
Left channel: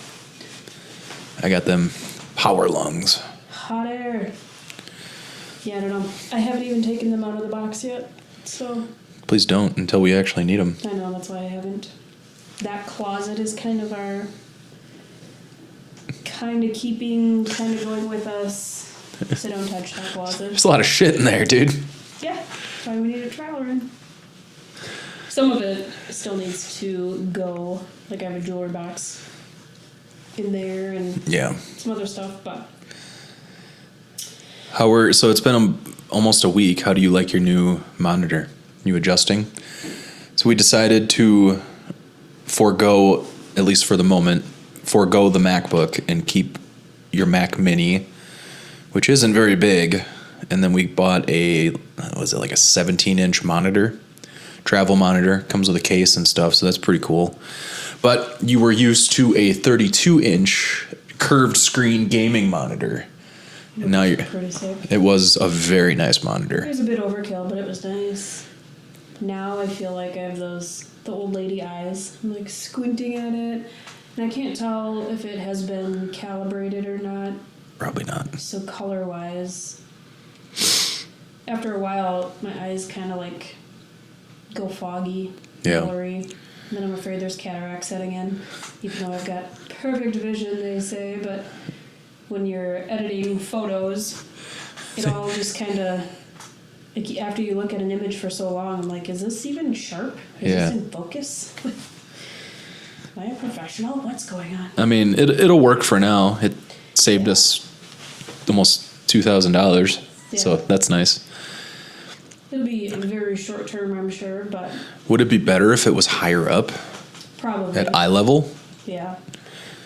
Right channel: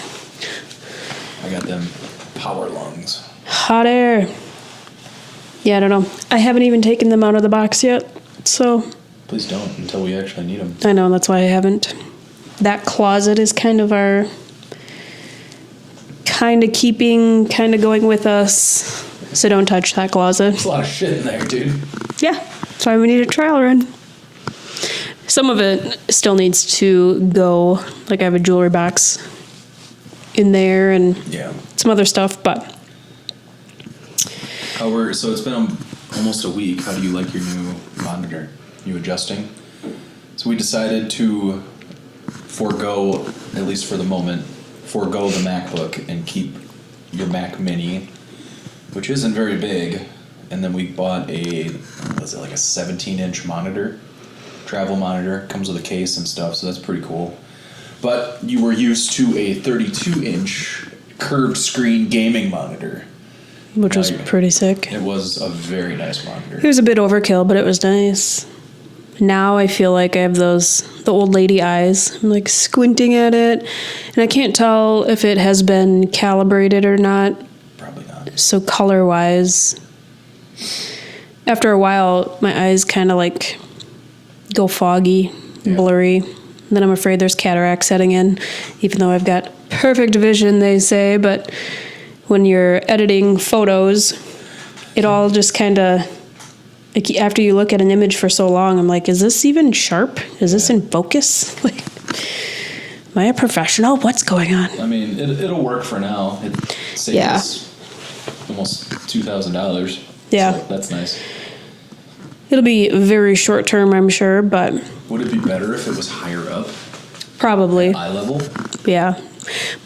I got them power lungs. Hot air. Yeah, I don't know. I haven't even taken them out of the box yet, so Please don't until we actually need them. I know that's why I haven't. That closet is kind of our kind of going with us. So don't touch that closet. There's a lot of shit in there, dude. Yeah, that's why we need a trial run. Some of it still needs to go. Like I have a jewelry box in there and Yeah. some other stuff, but So it's been almost a week. How do you like your new monitor? You adjusting? So we decided to forego, at least for the moment, forego the MacBook and keep your Mac Mini, which isn't very big. And then we bought was it like a 17-inch monitor? Travel monitor. Comes with a case and stuff, so that's pretty cool. But you were used to a 32-inch curved screen gaming monitor. which Now was you're- pretty sick. It was a very nice monitor. It was a bit overkill, but it was nice. Now I feel like I have the old lady eyes. I'm like squinting at it, and I can't tell if it has been calibrated or not. Probably not. So color-wise, after a while, my eyes kind of like go foggy, Yeah. blurry. And then I'm afraid there's cataract setting in, even though I've got perfect vision, they say. But when you're editing photos, it all just kind of, like, after you look at an image for so long, I'm like, is this even sharp? Is this Yeah. in focus? Like, am I a professional? What's going on? I mean, it'll work for now. It saved Yeah. us almost $2,000. Yeah. So that's nice. It'll be very short term, I'm sure, but Would it be better if it was higher up probably. at eye level? Yeah.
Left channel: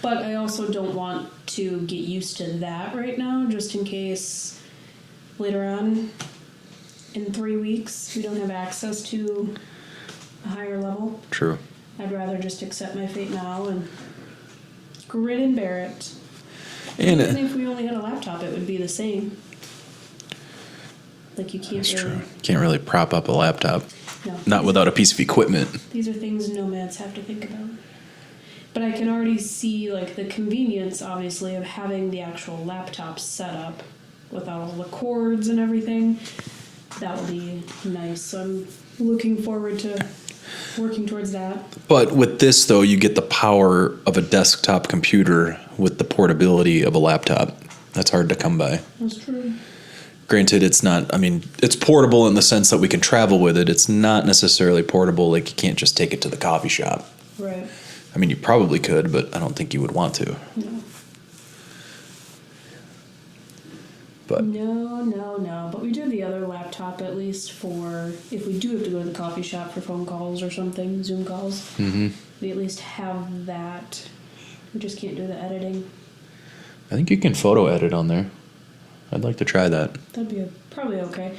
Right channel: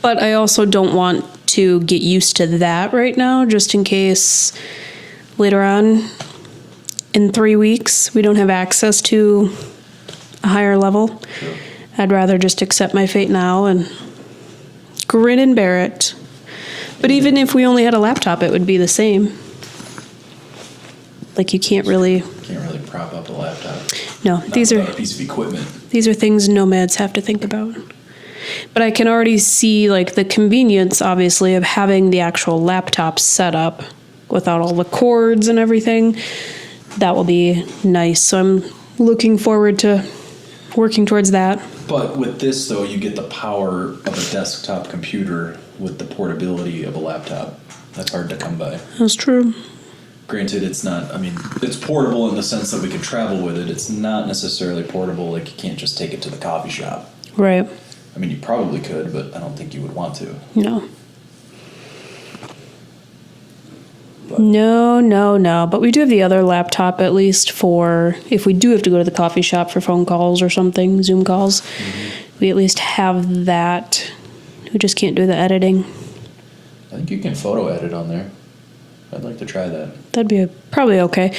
But I also don't want to get used to that right now, just in case later on in 3 weeks we don't have access to a higher level. True. I'd rather just accept my fate now and grin and bear it. But And even if we only had a laptop, it would be the same. Like you can't really. Can't really prop up a laptop. No, Not without a piece of equipment. These are things nomads have to think about. But I can already see like the convenience, obviously, of having the actual laptop set up without all the cords and everything. That will be nice. So I'm looking forward to working towards that. But with this, though, you get the power of a desktop computer with the portability of a laptop. That's hard to come by. That's true. Granted, it's not, I mean, it's portable in the sense that we can travel with it. It's not necessarily portable, like you can't just take it to the coffee shop. Right. I mean, you probably could, but I don't think you would want to. No. But No. But we do have the other laptop, at least for if we do have to go to the coffee shop for phone calls or something, Zoom calls. We at least have that. We just can't do the editing. I think you can photo edit on there. I'd like to try that. That'd be probably okay.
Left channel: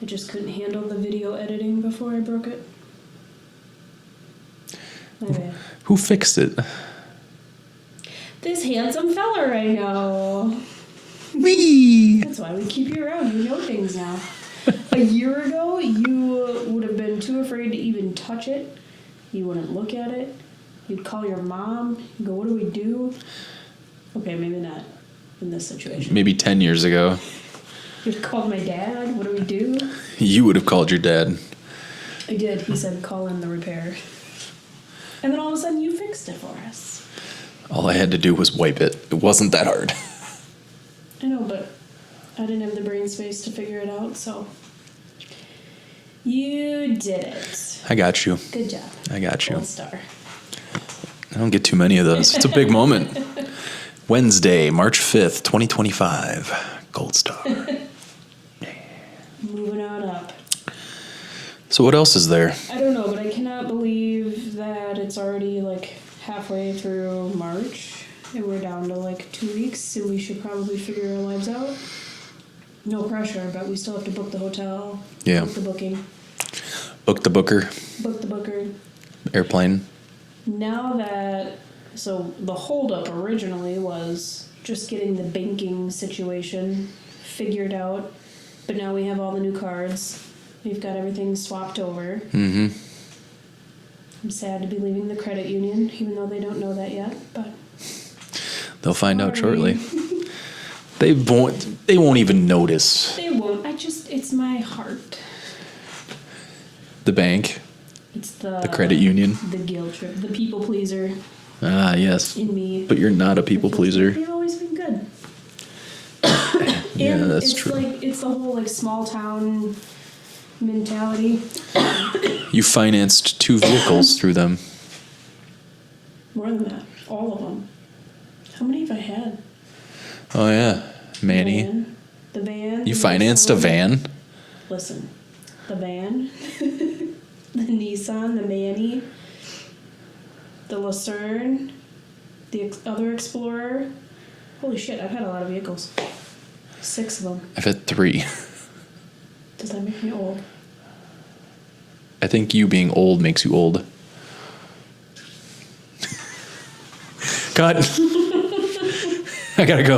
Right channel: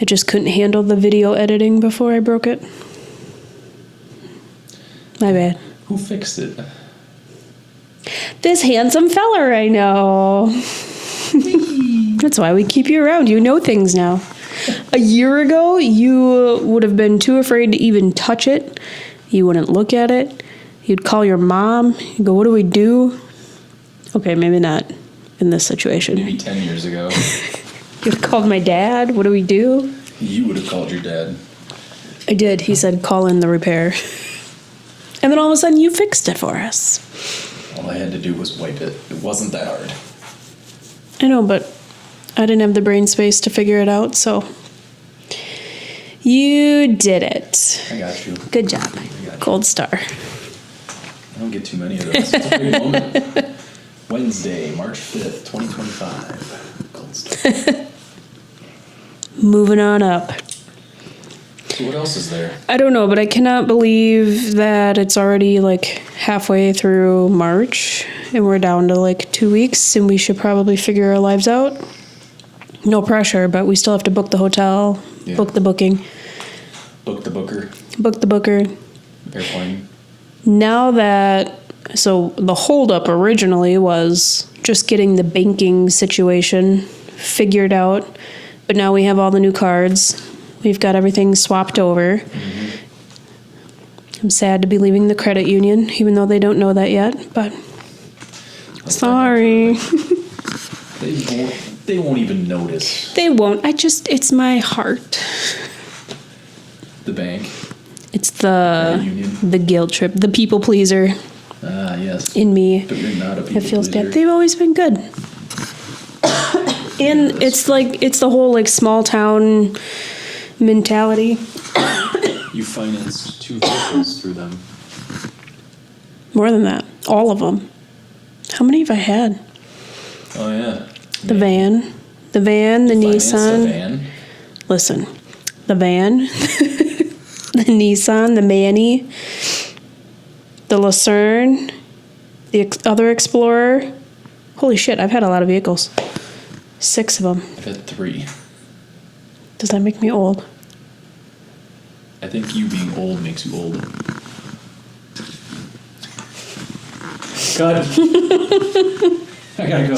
It just couldn't handle the video editing before I broke it. My bad. Who fixed it? This handsome feller I know. That's why we keep you around. You know things now. A year ago, you would have been too afraid to even touch it. You wouldn't look at it. You'd call your mom. You'd go, what do we do? Okay, maybe not in this situation. Maybe 10 years ago. You'd have called my dad. What do we do? You would have called your dad. I did. He said, call in the repair. And then all of a sudden, you fixed it for us. All I had to do was wipe it. It wasn't that hard. I know, but I didn't have the brain space to figure it out, so you did it. I got you. Good job. I got you. Gold star. I don't get too many of those. It's a big moment. Wednesday, March 5th, 2025. Gold star. Moving on up. So what else is there? I don't know, but I cannot believe that it's already like halfway through March and we're down to like 2 weeks and we should probably figure our lives out. No pressure, but we still have to book the hotel, book the booking. Book the booker. Book the booker. Airplane. Now that, so the holdup originally was just getting the banking situation figured out, but now we have all the new cards. We've got everything swapped over. Mm-hmm. I'm sad to be leaving the credit union, even though they don't know that yet, but they'll find out shortly. They won't even notice. They won't. It's my heart. The bank. It's the credit union. The guilt trip, the people pleaser. Ah, yes. In me. But you're not a people pleaser. Bad. They've always been good. And it's true. It's the whole like small town mentality. You financed 2 vehicles through them. More than that. All of them. How many have I had? Oh, yeah. The van. The You Nissan. financed a van? Listen. The van. The Nissan. The Manny. The Lucerne. The other Explorer. Holy shit, I've had a lot of vehicles. 6 of them. I've had 3. Does that make me old? I think you being old makes you old. Cut. I gotta go.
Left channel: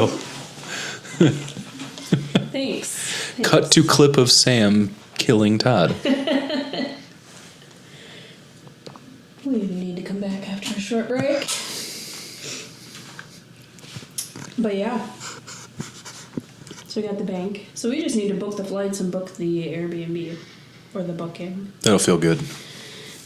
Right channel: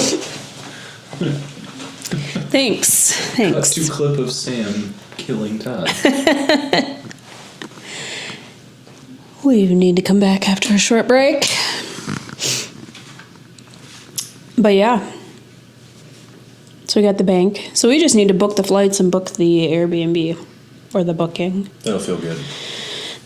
Thanks. Cut to clip of Sam killing Todd. We need to come back after a short break. But yeah. So we got the bank. So we just need to book the flights and book the Airbnb or the booking. That'll feel good.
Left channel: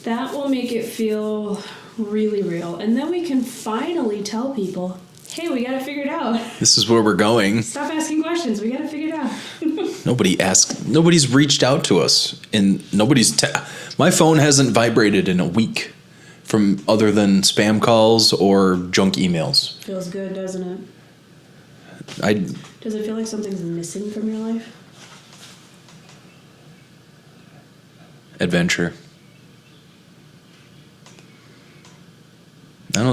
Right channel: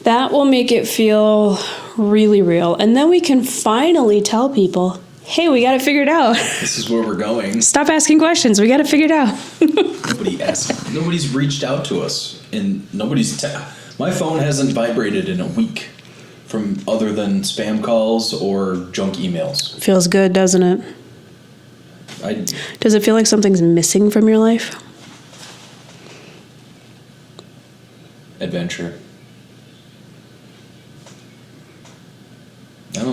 That will make it feel really real. And then we can finally tell people, hey, we got it figured out. This is where we're going. Stop asking questions. We got it figured out. Nobody's reached out to us. And my phone hasn't vibrated in a week from other than spam calls or junk emails. Feels good, doesn't it? Does it feel like something's missing from your life? Adventure. No,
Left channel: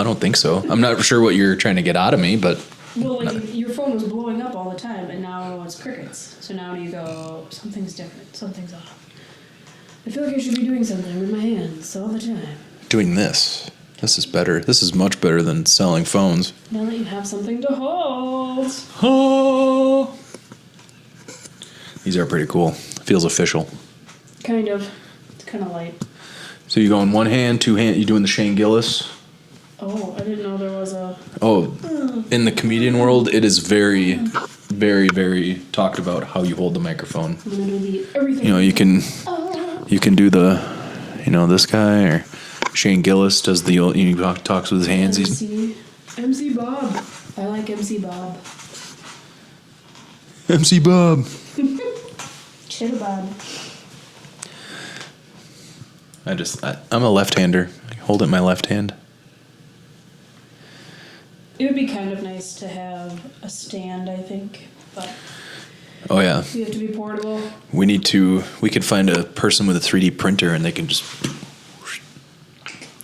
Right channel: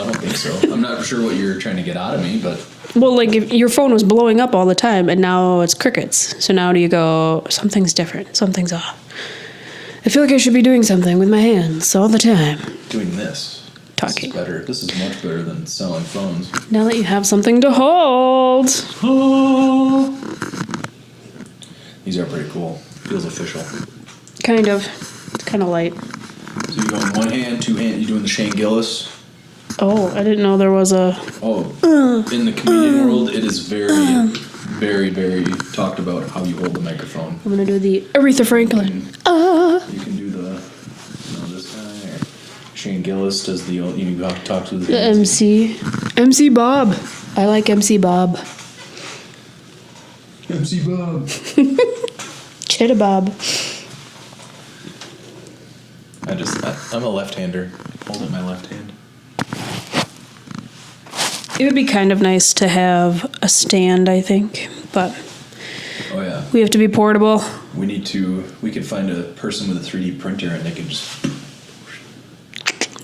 I don't think so. I'm not sure what you're trying to get out of me, but... Well, like, if your phone was blowing up all the time, and now it's crickets. So now do you go, something's different, something's off. I feel like I should be doing something with my hands all the time. Doing this. Talking. This is better. This is much better than selling phones. Now that you have something to hold. Oh. These are pretty cool. Feels official. Kind of. It's kind of light. So you go in one hand, 2 hand. You doing the Shane Gillis? Oh, I didn't know there was a... Oh, in the comedian world, it is very, very, very talked about how you hold the microphone. I'm gonna do the Aretha Franklin. You can do the, this guy, or Shane Gillis does the talks with his The hands. MC Bob. I like MC Bob. MC Bob. Chitta Bob. I'm a left-hander. Hold it in my left hand. It would be kind of nice to have a stand, I think, but Oh yeah. we have to be portable. We could find a person with a 3D printer and they can just.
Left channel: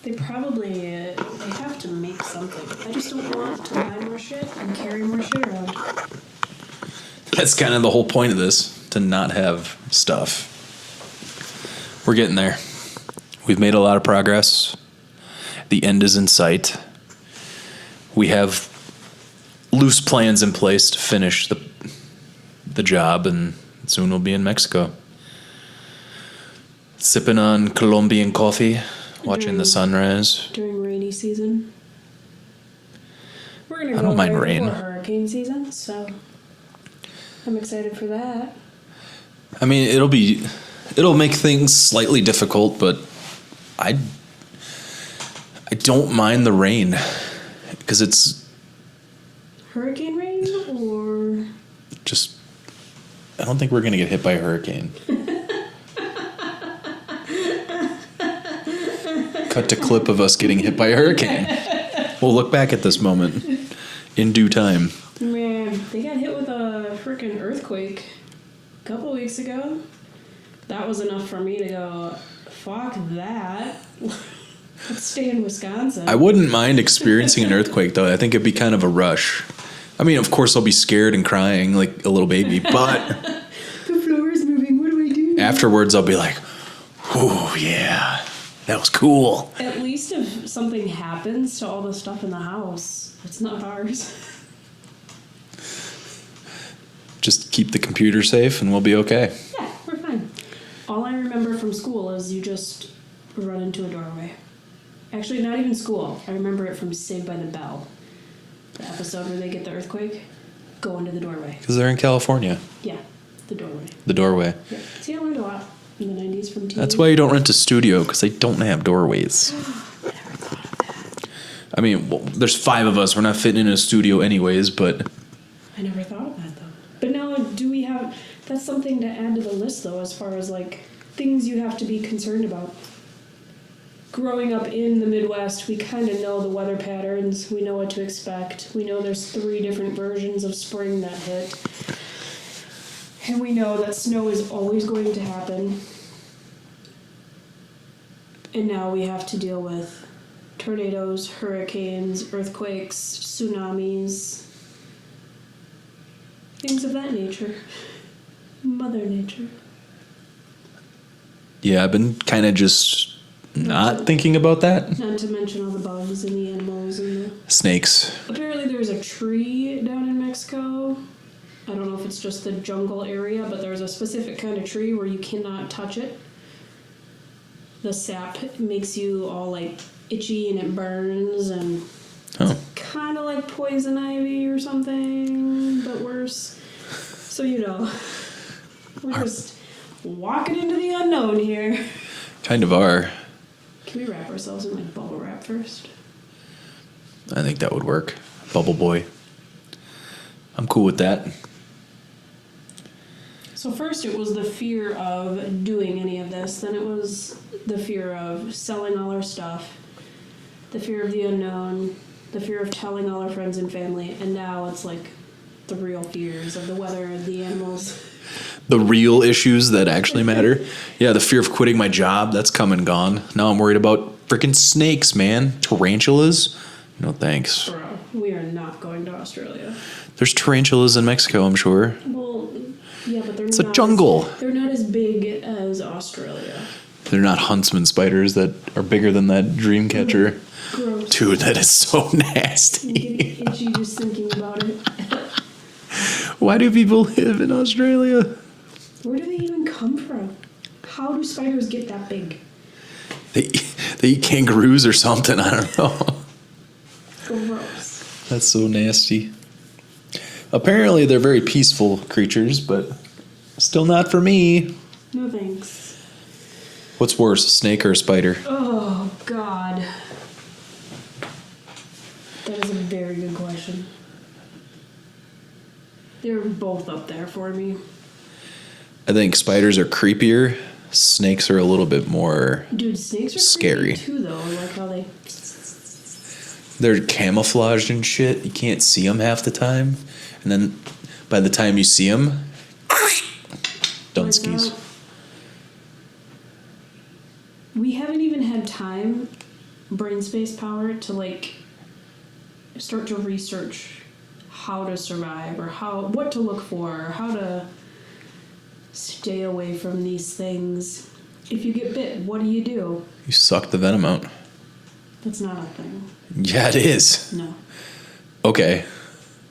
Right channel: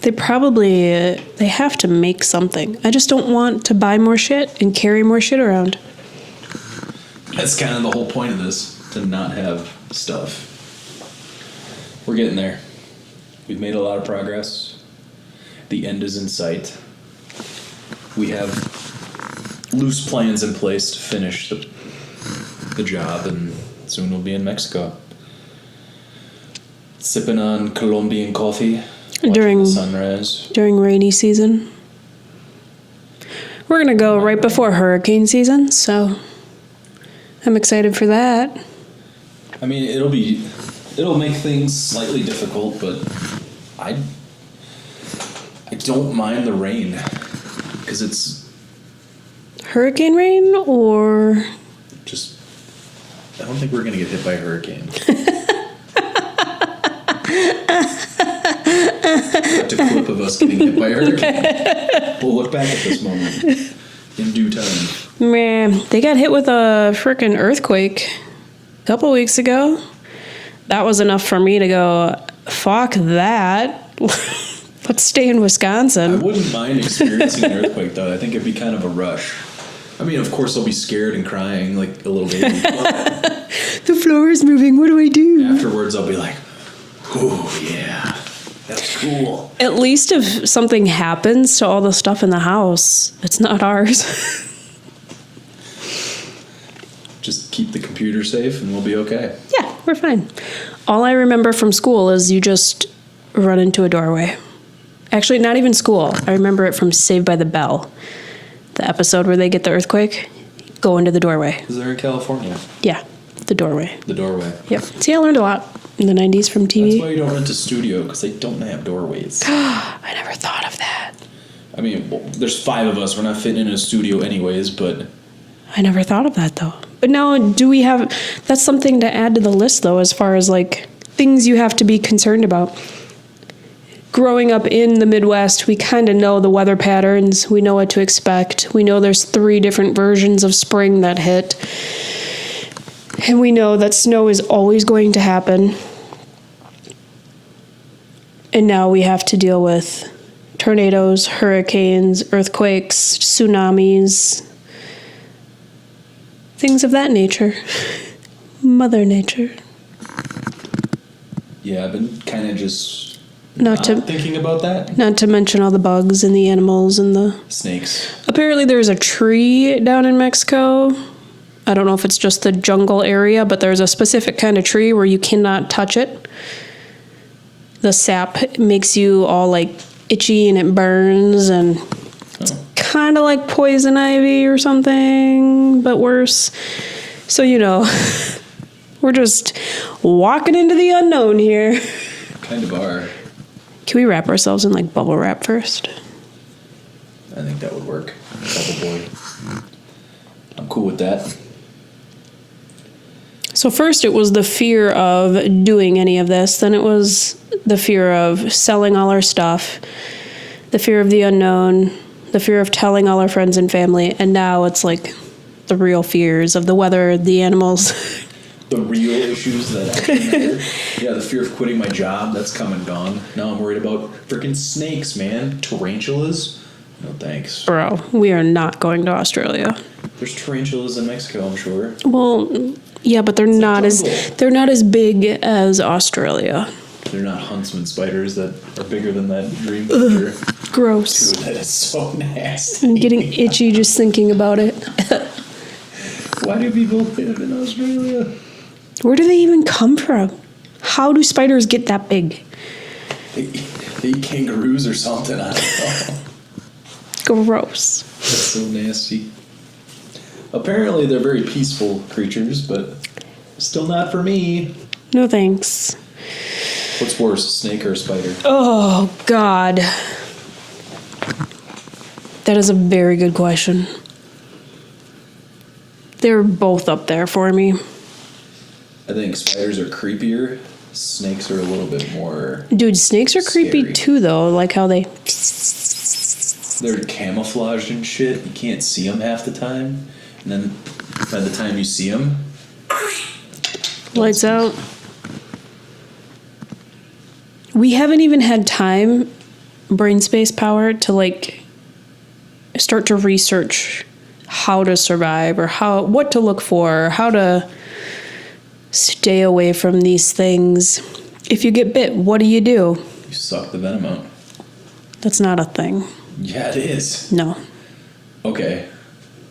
They have to make something. I just don't want to buy more shit and carry more shit around. That's kind of the whole point of this, to not have stuff. We're getting there. We've made a lot of progress. The end is in sight. We have loose plans in place to finish the job, and soon we'll be in Mexico. Sipping on Colombian coffee, watching the sunrise. During rainy season. We're going to go right before hurricane season, so I'm excited for that. I mean, it'll make things slightly difficult, but I don't mind the rain because it's Hurricane rain or just, I don't think we're going to get hit by a hurricane. Cut to clip of us getting hit by a hurricane. We'll look back at this moment in due time. Man, they got hit with a freaking earthquake a couple weeks ago. That was enough for me to go, fuck that. Let's stay in Wisconsin. I wouldn't mind experiencing an earthquake, though. I think it'd be kind of a rush. I mean, of course, I'll be scared and crying like a little baby, but the floor is moving. What do I do? afterwards, I'll be like, oh, yeah, that was cool. At least if something happens to all the stuff in the house, it's not ours. Just keep the computer safe and we'll be okay. Yeah, we're fine. All I remember from school is you just run into a doorway. Actually, not even school. I remember it from Saved by the Bell. The episode where they get the earthquake. Go into the doorway. Because they're in California. Yeah, the doorway. The doorway. Yep. See, I learned a lot in the 90s from TV. That's why you don't rent a studio, because they don't have doorways. I never thought of that. I mean, well, there's 5 of us. We're not fitting in a studio anyways, but I never thought of that, though. But now, do we have... That's something to add to the list, though, as far as, like, things you have to be concerned about. Growing up in the Midwest, we kind of know the weather patterns. We know what to expect. We know there's 3 different versions of spring that hit. And we know that snow is always going to happen. And now we have to deal with tornadoes, hurricanes, earthquakes, tsunamis, things of that nature. Mother Nature. yeah, I've been kind of just Not to- thinking about that. Not to mention all the bugs and the animals and the... Snakes. Apparently there's a tree down in Mexico. I don't know if it's just the jungle area, but there's a specific kind of tree where you cannot touch it. The sap makes you all like itchy and it burns, and it's kind of like poison ivy or something, but worse. So, we're just walking into the unknown here. Kind of are. Can we wrap ourselves in like bubble wrap first? I think that would work. Bubble boy. I'm cool with that. So first it was the fear of doing any of this. Then it was the fear of selling all our stuff, the fear of the unknown, the fear of telling all our friends and family. And now it's like the real fears of the weather, the animals. The real issues that actually matter. Yeah, the fear of quitting my job, that's come and gone. Now I'm worried about freaking snakes, man. Tarantulas? No thanks. Bro, we are not going to Australia. There's tarantulas in Mexico, I'm sure. Well, yeah, but they're It's a not jungle. they're not as big as Australia. They're not huntsman spiders that are bigger than that dream catcher. Gross. Dude, that is so nasty. I'm getting itchy just thinking about it. Why do people live in Australia? Where do they even come from? How do spiders get that big? They eat kangaroos or something, I don't know. Gross. That's so nasty. Apparently, they're very peaceful creatures, but still not for me. No thanks. What's worse, a snake or a spider? Oh, God. That is a very good question. They're both up there for me. I think spiders are creepier. Snakes are a little bit more. Dude, snakes are Scary. creepy too, though. Like how they. They're camouflaged and shit. You can't see them half the time. And then by the time you see them, Lights out. We haven't even had time, brain space power, to like start to research how to survive or what to look for, or how to stay away from these things. If you get bit, what do? You suck the venom out. That's not a thing. Yeah, it is. No. Okay.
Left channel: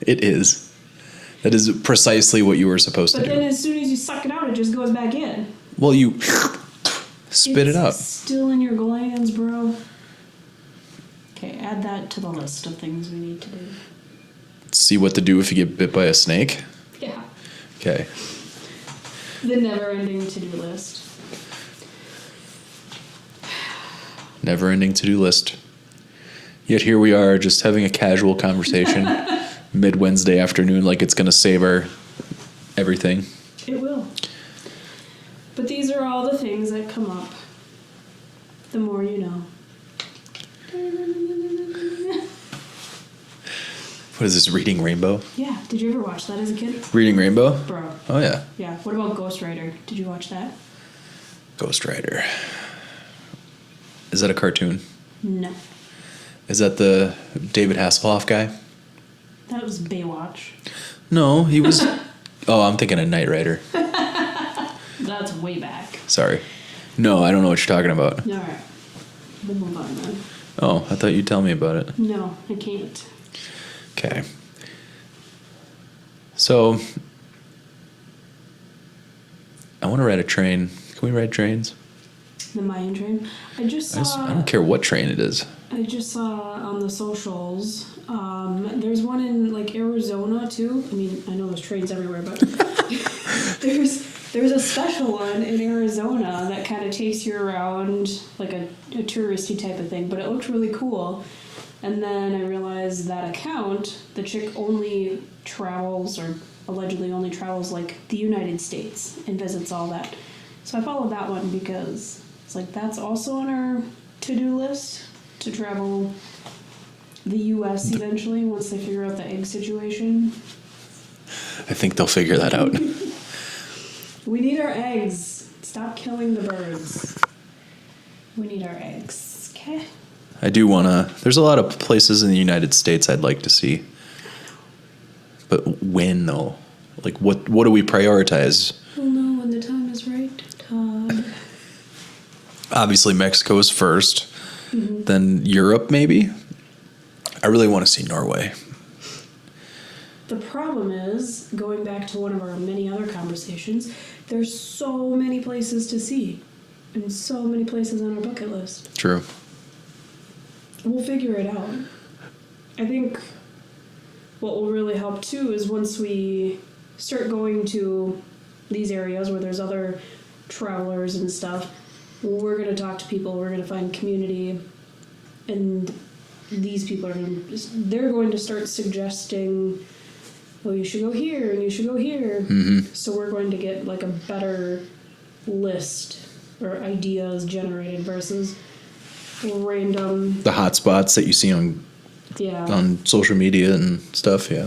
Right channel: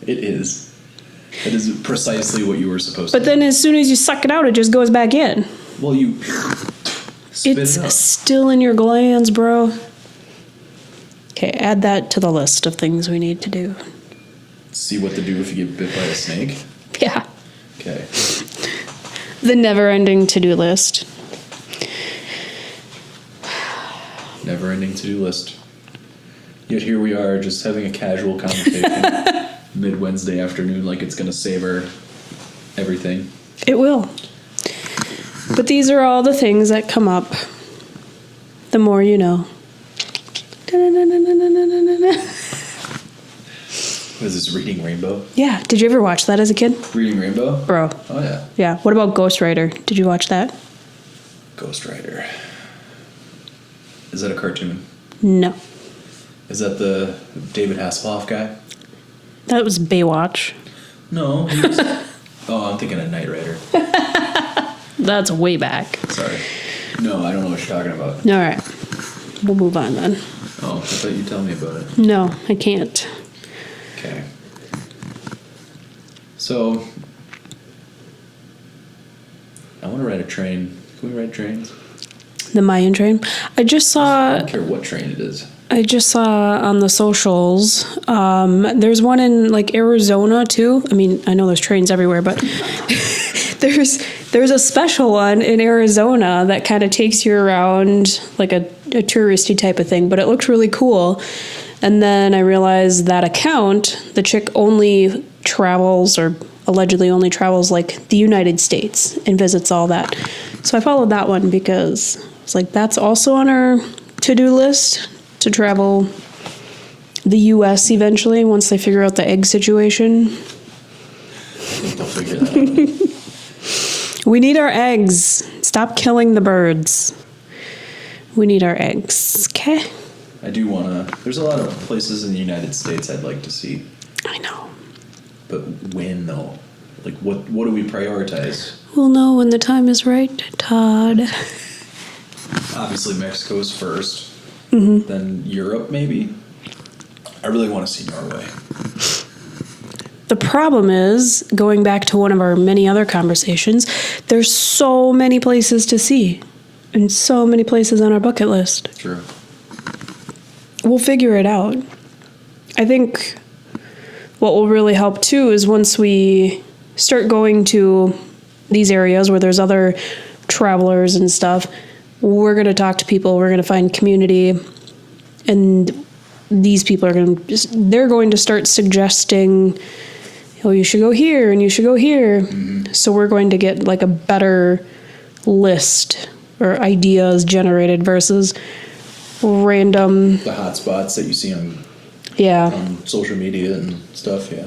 It is. That is precisely what you were supposed to But do. then as soon as you suck it out, it just goes back in. Well, you spit It's it out. still in your glands, bro. Okay, add that to the list of things we need to do. See what to do if you get bit by a snake? Yeah. Okay. The never-ending to-do list. Never-ending to-do list. Yet here we are just having a casual conversation mid-Wednesday afternoon like it's going to save our everything. It will. But these are all the things that come up. The more you know. What is this, Reading Rainbow? Yeah. Did you ever watch that as a kid? Reading Rainbow? Bro. Oh, yeah. Yeah. What about Ghost Rider? Did you watch that? Ghost Rider. Is that a cartoon? No. Is that the David Hasselhoff guy? That was Baywatch. No, he was... Oh, I'm thinking of Knight Rider. That's way back. Sorry. No, I don't know what you're talking about. All right. We'll move on then. Oh, I thought you'd tell me about it. No, I can't. Okay. So, I want to ride a train. Can we ride trains? The Mayan train. I I don't care what train it is. I just saw on the socials. There's one in like Arizona too. I mean, I know there's trains everywhere, but there's a special one in Arizona that kind of takes you around like a touristy type of thing. But it looks really cool. And then I realized that account, the chick only travels or allegedly only travels like the United States and visits all that. So I followed that one because it's like that's also on our to-do list to travel the U.S. eventually once they figure out the egg situation. I think they'll figure that out. We need our eggs. Stop killing the birds. We need our eggs. Okay? I do want to... There's a lot of places in the United States I'd like to see. I know. But when, though? Like, what do we prioritize? We'll know when the time is right, Todd. Obviously, Mexico's first. Mm-hmm. Then Europe, maybe? I really want to see Norway. The problem is, going back to one of our many other conversations, there's so many places to see and so many places on our bucket list. True. We'll figure it out. I think what will really help too is once we start going to these areas where there's other travelers and stuff, we're going to talk to people, we're going to find community, and these people are they're going to start suggesting, oh, you should go here and you should go here. Mm-hmm. So we're going to get like a better list or ideas generated versus random... The hot spots that you see on social media and stuff, yeah.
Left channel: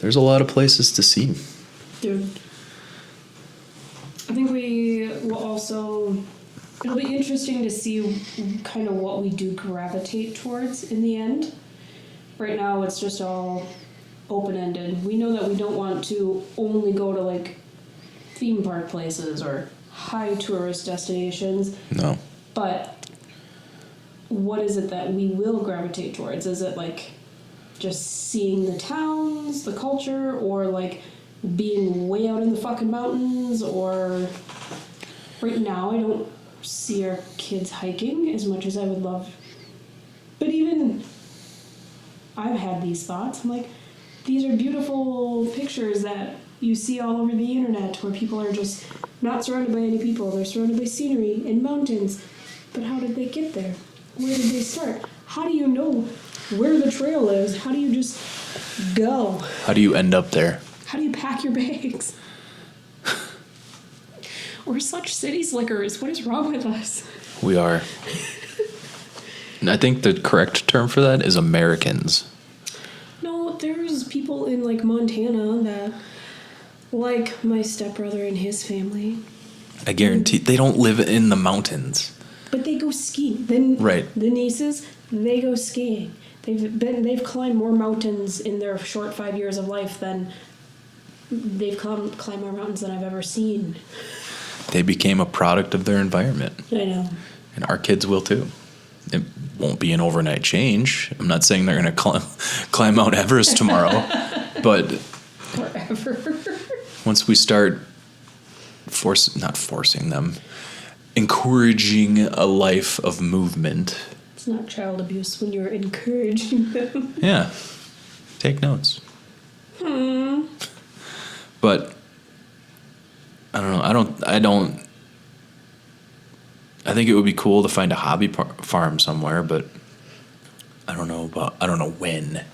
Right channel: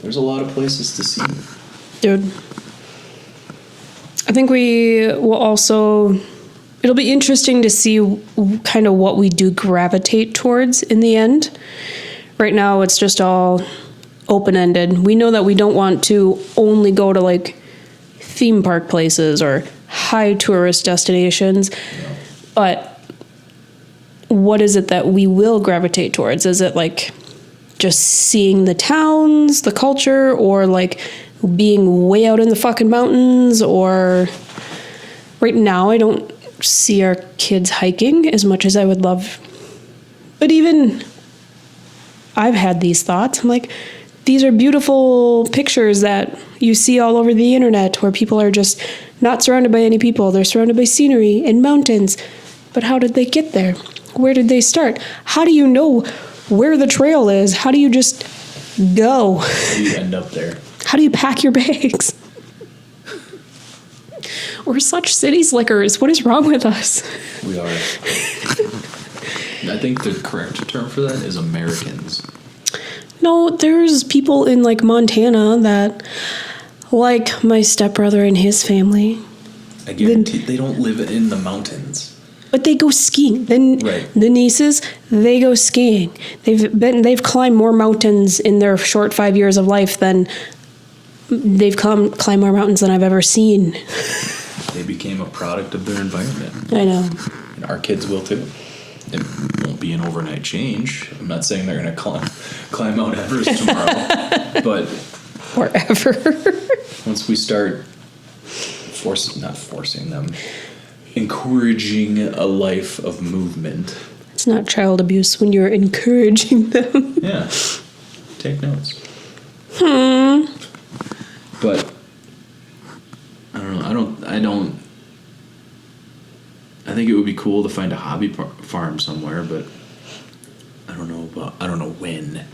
There's a lot of places to see. Dude. I think we will also... It'll be interesting to see kind of what we do gravitate towards in the end. Right now, it's just all open-ended. We know that we don't want to only go to, like, theme park places or high tourist destinations. No. But what is it that we will gravitate towards? Is it, like, just seeing the towns, the culture, or, like, being way out in the fucking mountains? Or right now, I don't see our kids hiking as much as I would love But even I've had these thoughts. I'm like, these are beautiful pictures that you see all over the internet where people are just not surrounded by any people. They're surrounded by scenery and mountains. But how did they get there? Where did they start? How do you know where the trail is? How do you just go? How do you end up there? How do you pack your bags? We're such city slickers. What is wrong with us? We are. I think the correct term for that is Americans. No, there's people in like Montana that, like my stepbrother and his family. I guarantee they don't live in the mountains. But they go skiing. Then Right. the nieces, they go skiing. They've climbed more mountains in their short 5 years of life than they've climbed more mountains than I've ever seen. They became a product of their environment. I know. And our kids will too. It won't be an overnight change. I'm not saying they're going to climb Mount Everest tomorrow, but Forever. once we start not forcing them, encouraging a life of movement. It's not child abuse when you're encouraging them. Yeah, take notes. But I don't know. I think it would be cool to find a hobby farm somewhere, but I don't know when.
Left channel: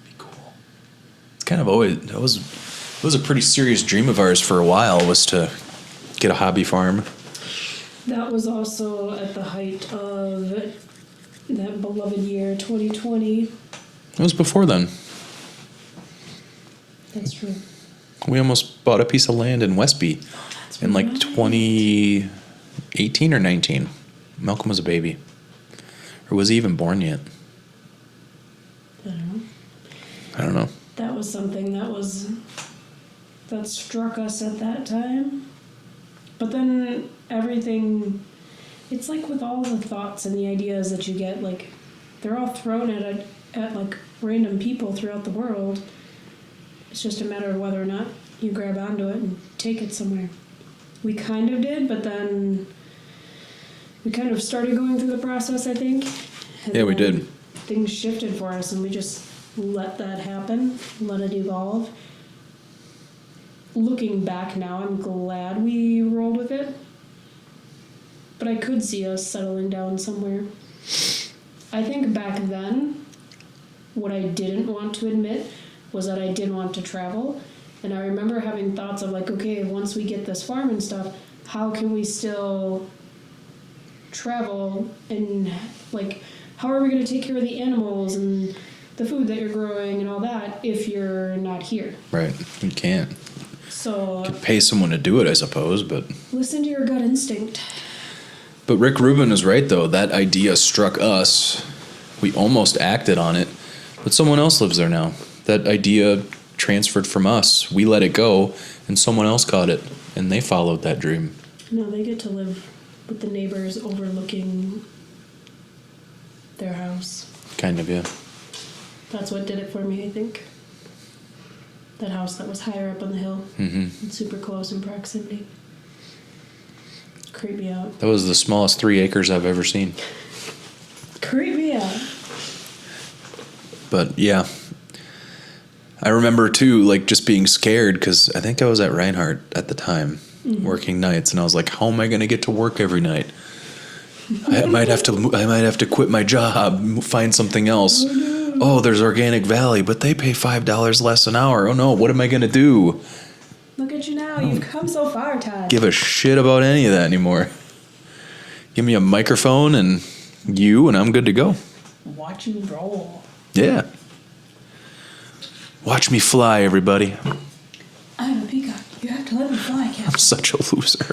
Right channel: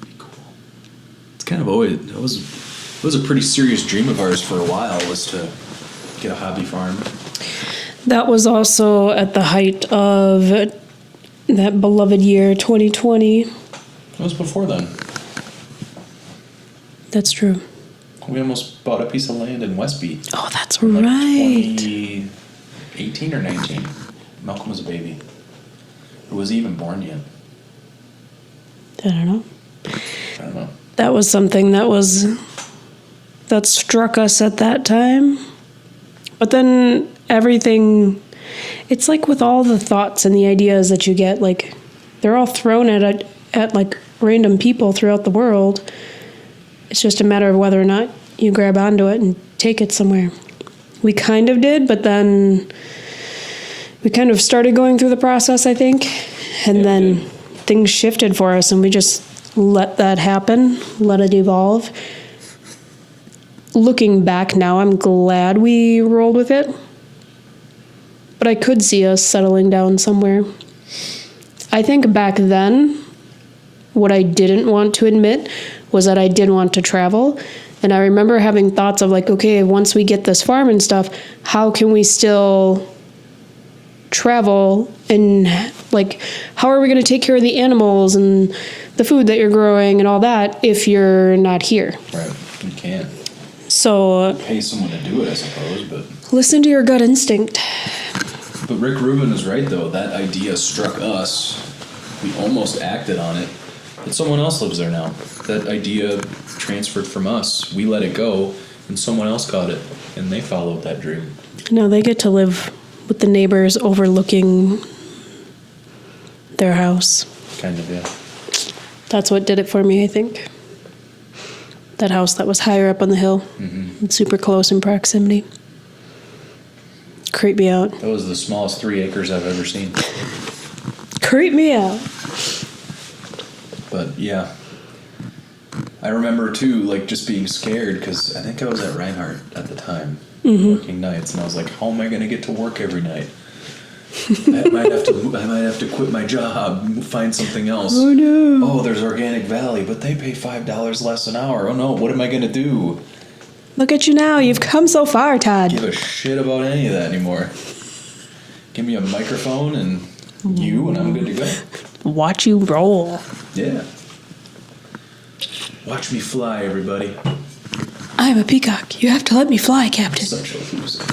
Be cool. It's kind of always it was a pretty serious dream of ours for a while, was to get a hobby farm. That was also at the height of that beloved year, 2020. It was before then. That's true. We almost bought a piece of land in Westby Oh, that's in like right. 2018 or 19. Malcolm was a baby. Or was he even born yet? I don't know. I don't know. That was something that struck us at that time. But then everything, it's like with all the thoughts and the ideas that you get, like they're all thrown at like random people throughout the world. It's just a matter of whether or not you grab onto it and take it somewhere. We kind of did, but then we kind of started going through the process, I think. And Yeah, we then did. things shifted for us and we just let that happen, let it evolve. Looking back now, I'm glad we rolled with it. But I could see us settling down somewhere. I think back then, what I didn't want to admit was that I did want to travel. And I remember having thoughts of like, okay, once we get this farm and stuff, how can we still travel? And like, how are we going to take care of the animals and the food that you're growing and all that if you're not here? Right. You can't. So Pay someone to do it, I suppose, but listen to your gut instinct. Rick Rubin was right though. That idea struck us. We almost acted on it, but someone else lives there now. That idea transferred from us. We let it go, and someone else caught it, and they followed that dream. No, they get to live with the neighbors overlooking their house. Kind of, yeah. That's what did it for me, I think. That house that was higher up on the hill, and super close in proximity. Creeped me out. That was the smallest 3 acres I've ever seen. Creeped me out. But yeah, I remember too, like just being scared because I think I was at Reinhardt at the time, working nights, and I was like, "How am I going to get to work every night? I might have to quit my job, find something else. Oh, no. Oh, there's Organic Valley, but they pay $5 less an hour. Oh no, what am I going to do? Look at you now. You've come so far, Todd. Give a shit about any of that anymore. Give me a microphone and you, and I'm good to go. Watch you roll. Yeah. Watch me fly, everybody. I'm a peacock. You have to let me fly, Captain. Such a loser.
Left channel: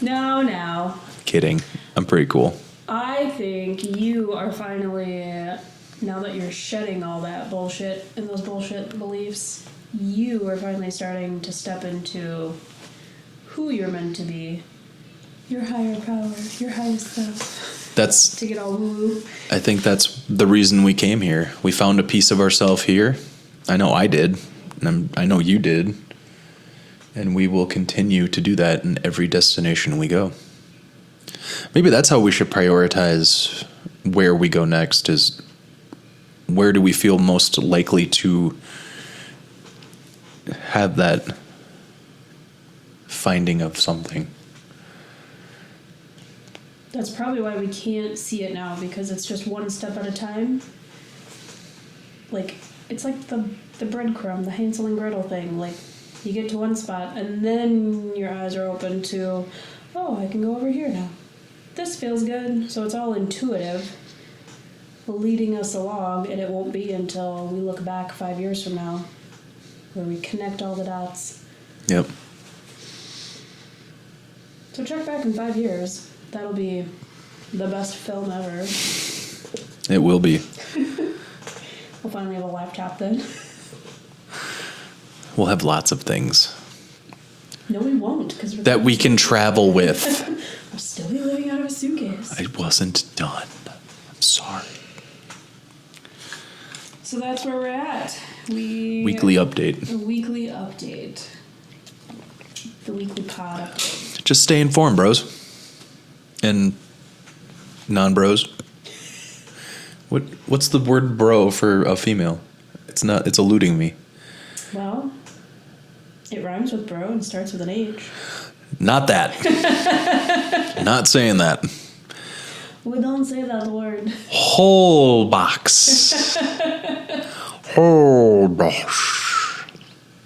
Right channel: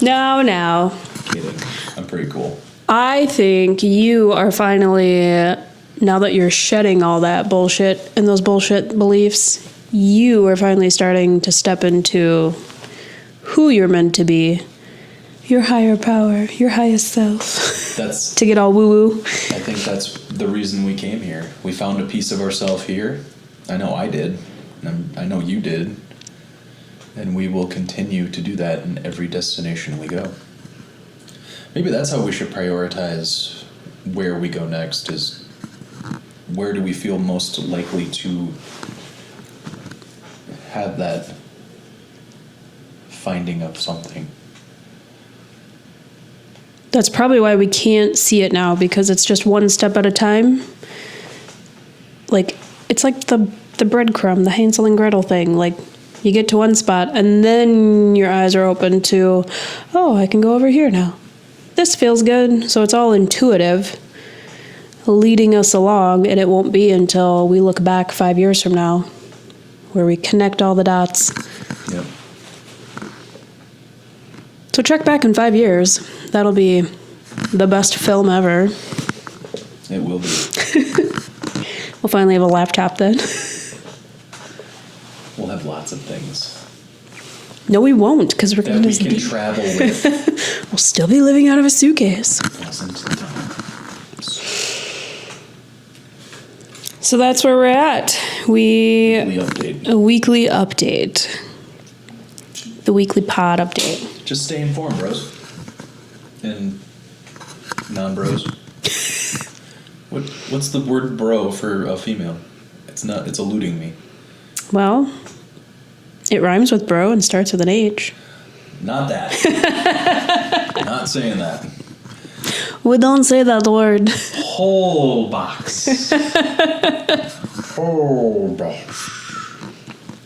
No. Kidding. I'm pretty cool. I think you are finally, now that you're shedding all that bullshit and those bullshit beliefs, you are finally starting to step into who you're meant to be. Your higher power, your highest self. That's, To get all woo-woo. I think that's the reason we came here. We found a piece of ourselves here. I know I did. And I know you did. And we will continue to do that in every destination we go. Maybe that's how we should prioritize where we go next, is where do we feel most likely to have that finding of something. That's probably why we can't see it now, because it's just one step at a time. Like, it's like the breadcrumb, the Hansel and Gretel thing. Like, you get to one spot, and then your eyes are open to, oh, I can go over here now. This feels good. So it's all intuitive, leading us along, and it won't be until we look back 5 years from now where we connect all the dots. Yep. So check back in 5 years. That'll be the best film ever. It will be. We'll finally have a laptop then. We'll have lots of things. No, we won't, because we're that gonna we can travel with. We'll still be living out of a suitcase. I wasn't done. I'm sorry. So that's where we're at. Weekly update. A weekly update. The weekly pod update. Just stay informed, bros. And non-bros. What's the word bro for a female? It's eluding me. Well, it rhymes with bro and starts with an H. Not that. Not saying that. We don't say that word. Whole box. Whole box.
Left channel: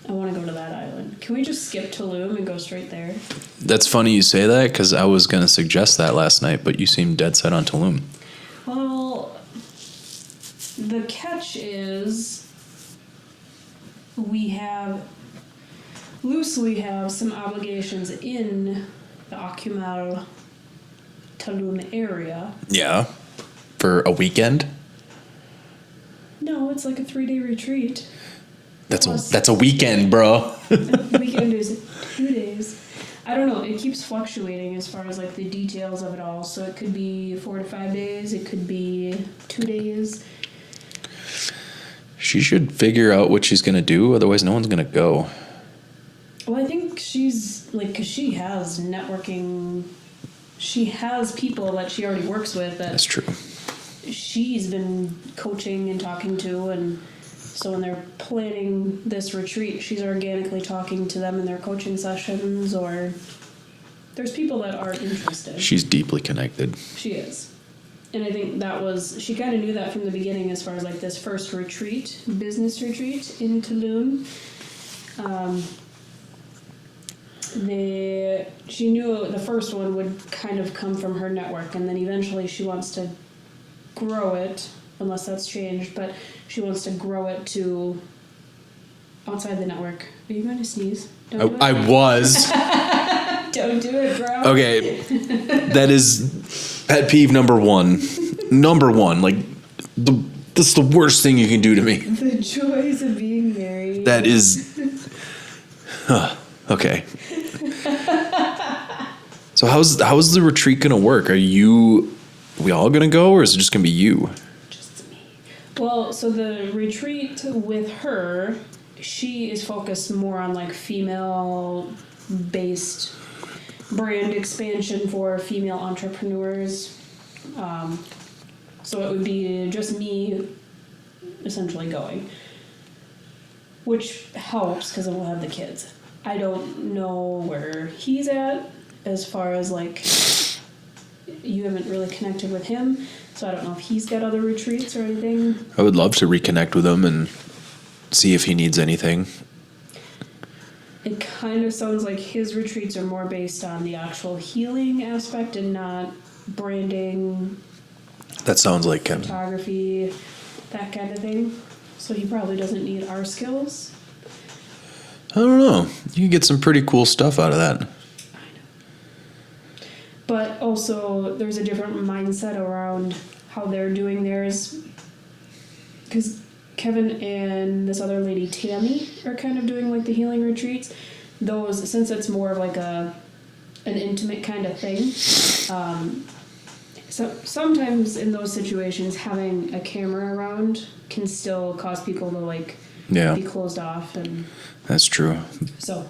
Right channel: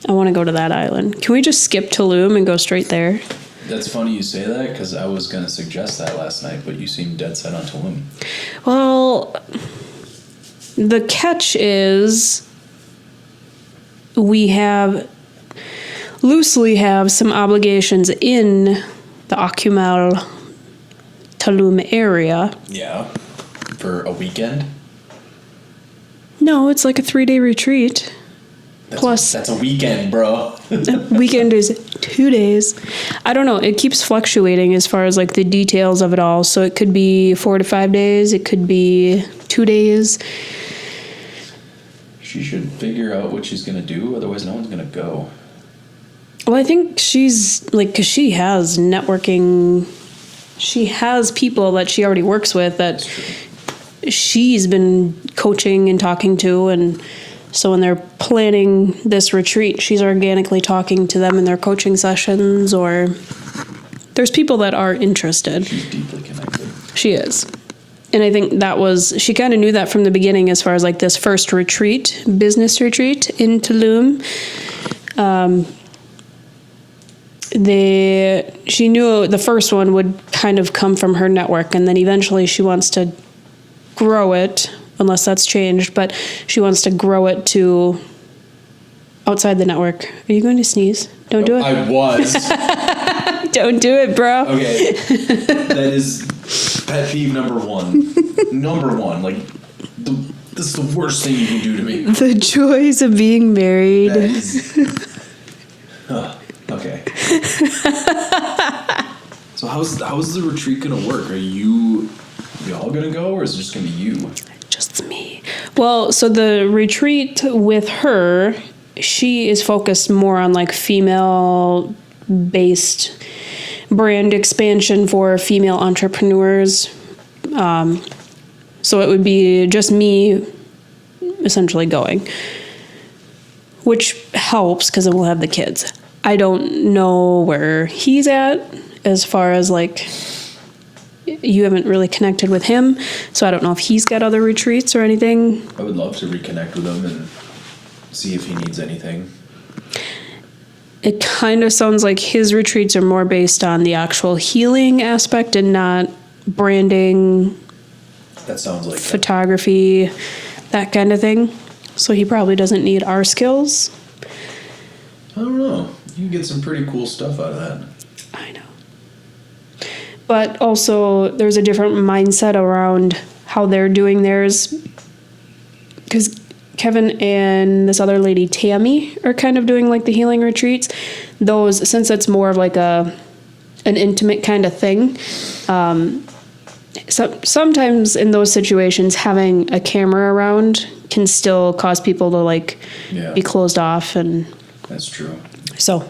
I want to go to that island. Can we just skip Tulum and go straight there? That's funny you say that, because I was going to suggest that last night, but you seem dead set on Tulum. Well, the catch is we loosely have some obligations in the Akumal Tulum area. Yeah. For a weekend? No, it's like a 3-day retreat. That's a weekend, bro. Weekend is 2 days. I don't know. It keeps fluctuating as far as like the details of it all. So it could be 4 to 5 days. It could be 2 days. She should figure out what she's going to do. Otherwise, no one's going to go. Well, I think she's like, because she has networking. She has people that she already works with that That's true. She's been coaching and talking to, and so when they're planning this retreat, she's organically talking to them in their coaching sessions, or there's people that are interested. She's deeply connected. She is. And I think she kind of knew that from the beginning as far as like this first retreat, business retreat in Tulum. She knew the first one would kind of come from her network, and then eventually she wants to grow it, unless that's changed, but she wants to grow it to outside the network. Are you going to sneeze? Don't do it. I was. Don't do it, bro. Okay. That is pet peeve number one. Number one. Like, that's the worst thing you can do to me. The joys of being married. That is... okay. So how's the retreat going to work? Are we all going to go, or is it just going to be you? Just me. Well, so the retreat with her, she is focused more on like female-based brand expansion for female entrepreneurs. So it would be just me essentially going, which helps because then we'll have the kids. I don't know where he's at as far as like, you haven't really connected with him, so I don't know if he's got other retreats or anything. I would love to reconnect with him and see if he needs anything. It kind of sounds like his retreats are more based on the actual healing aspect and not branding. That sounds like photography, that kind of thing. So he probably doesn't need our skills. I don't know. You can get some pretty cool stuff out of that. I know. But also, there's a different mindset around how they're doing theirs. Because Kevin and this other lady, Tammy, are kind of doing like the healing retreats. Those, since it's more of like an intimate kind of thing, sometimes in those situations, having a camera around can still cause people to like be closed off, and that's true. So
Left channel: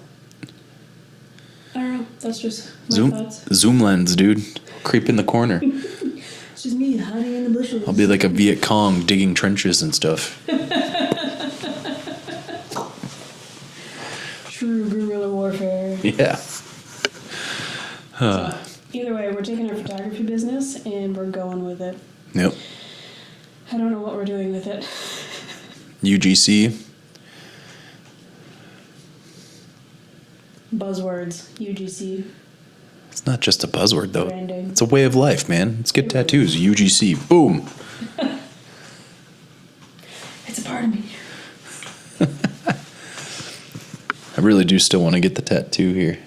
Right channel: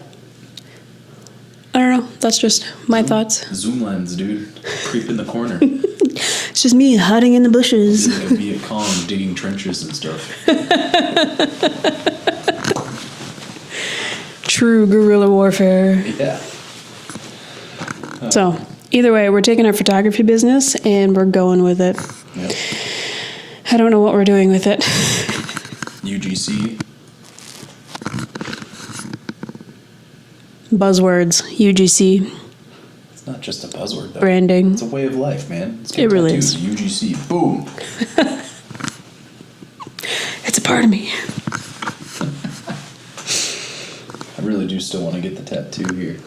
I don't know. That's just my thoughts. Zoom lens, dude. Creep in the corner. It's just me hiding in the bushes. I'll be like a Viet Cong digging trenches and stuff. True guerrilla warfare. Yeah. So, either way, we're taking our photography business and we're going with it. Yep. I don't know what we're doing with it. UGC. Buzzwords, UGC, It's not just a buzzword, though. branding. It's a way of life, man. Let's get It really tattoos. UGC. Boom. It's a part of me. I really do still want to get the tattoo here.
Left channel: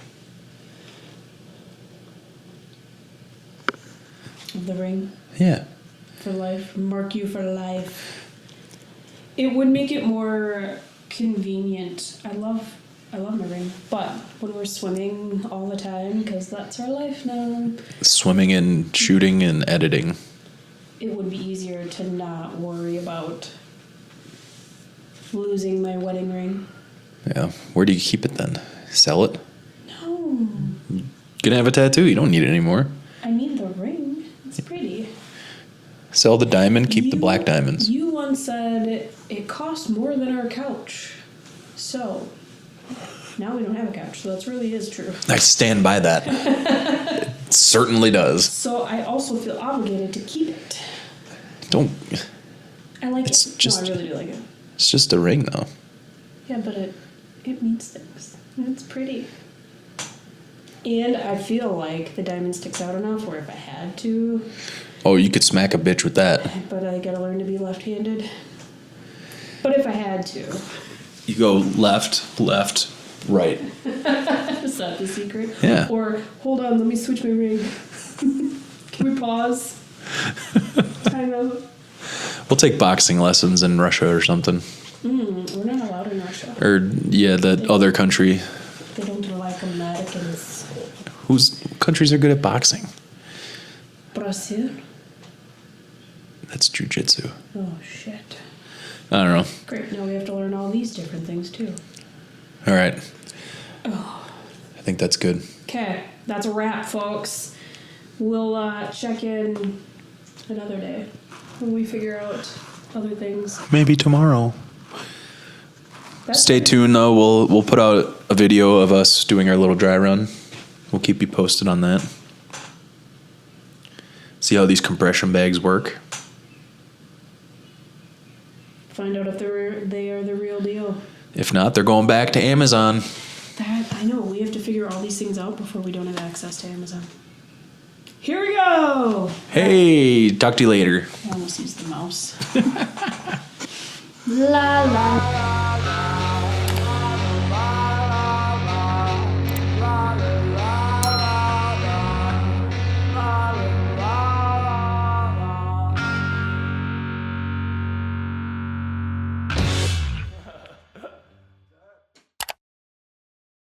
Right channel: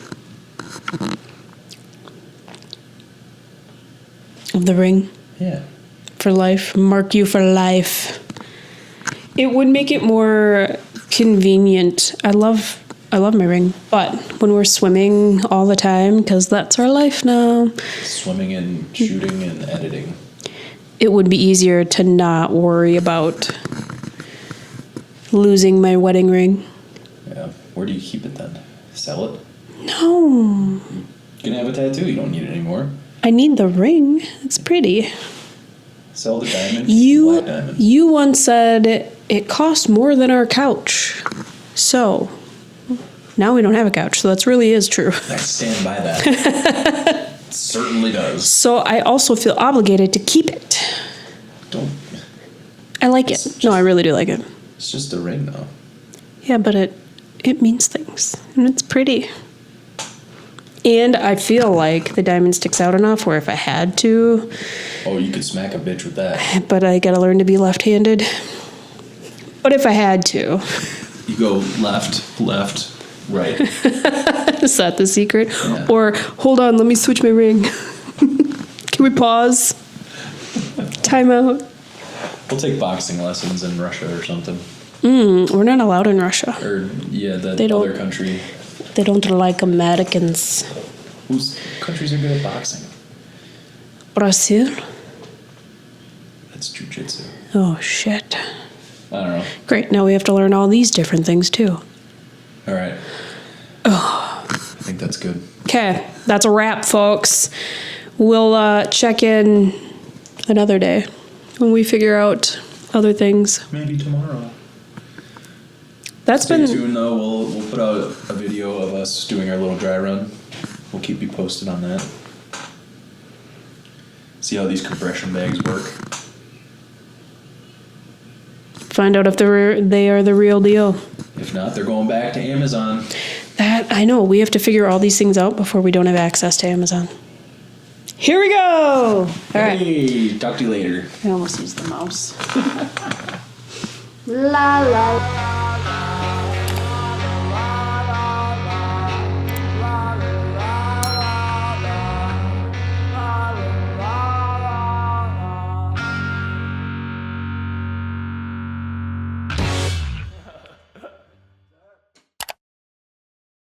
Of the ring. Yeah. For life. Mark you for life. It would make it more convenient. I love my ring, but when we're swimming all the time, because that's our life now, Swimming and shooting and editing. it would be easier to not worry about losing my wedding ring. Yeah. Where do you keep it then? Sell it? No, You can have a tattoo. You don't need it anymore. I need the ring. It's pretty. Sell the diamond, keep the black diamonds. You once said it cost more than our couch. So now we don't have a couch. So that really is true. I stand by that. It certainly does. So I also feel obligated to keep it. Don't. I like It's it. just- No, I really do like it. It's just a ring, though. Yeah, but it means things. And it's pretty. And I feel like the diamond sticks out enough where if I had to, Oh, you could smack a bitch with that. but I gotta learn to be left-handed. But if I had to. You go left, right. Is that the secret? Yeah. Or, hold on, let me switch my ring. Can we pause? Time out. We'll take boxing lessons in Russia or something. We're not allowed in Russia. Or, yeah, They that don't- other country. They don't like Americans. Whose countries are good at boxing? Brazil? That's jujitsu. Oh, shit. I don't know. Great, now we have to learn all these different things, too. All right. I think that's good. Okay, that's a wrap, folks. We'll check in another day when we figure out other things. Maybe tomorrow. That's Stay been- tuned, though. We'll put out a video of us doing our little dry run. We'll keep you posted on that. See how these compression bags work. Find out if they are the real deal. If not, they're going back to Amazon. That, I know, we have to figure all these things out before we don't have access to Amazon. Here we go! Hey, talk to you later. I almost used the mouse. La la la.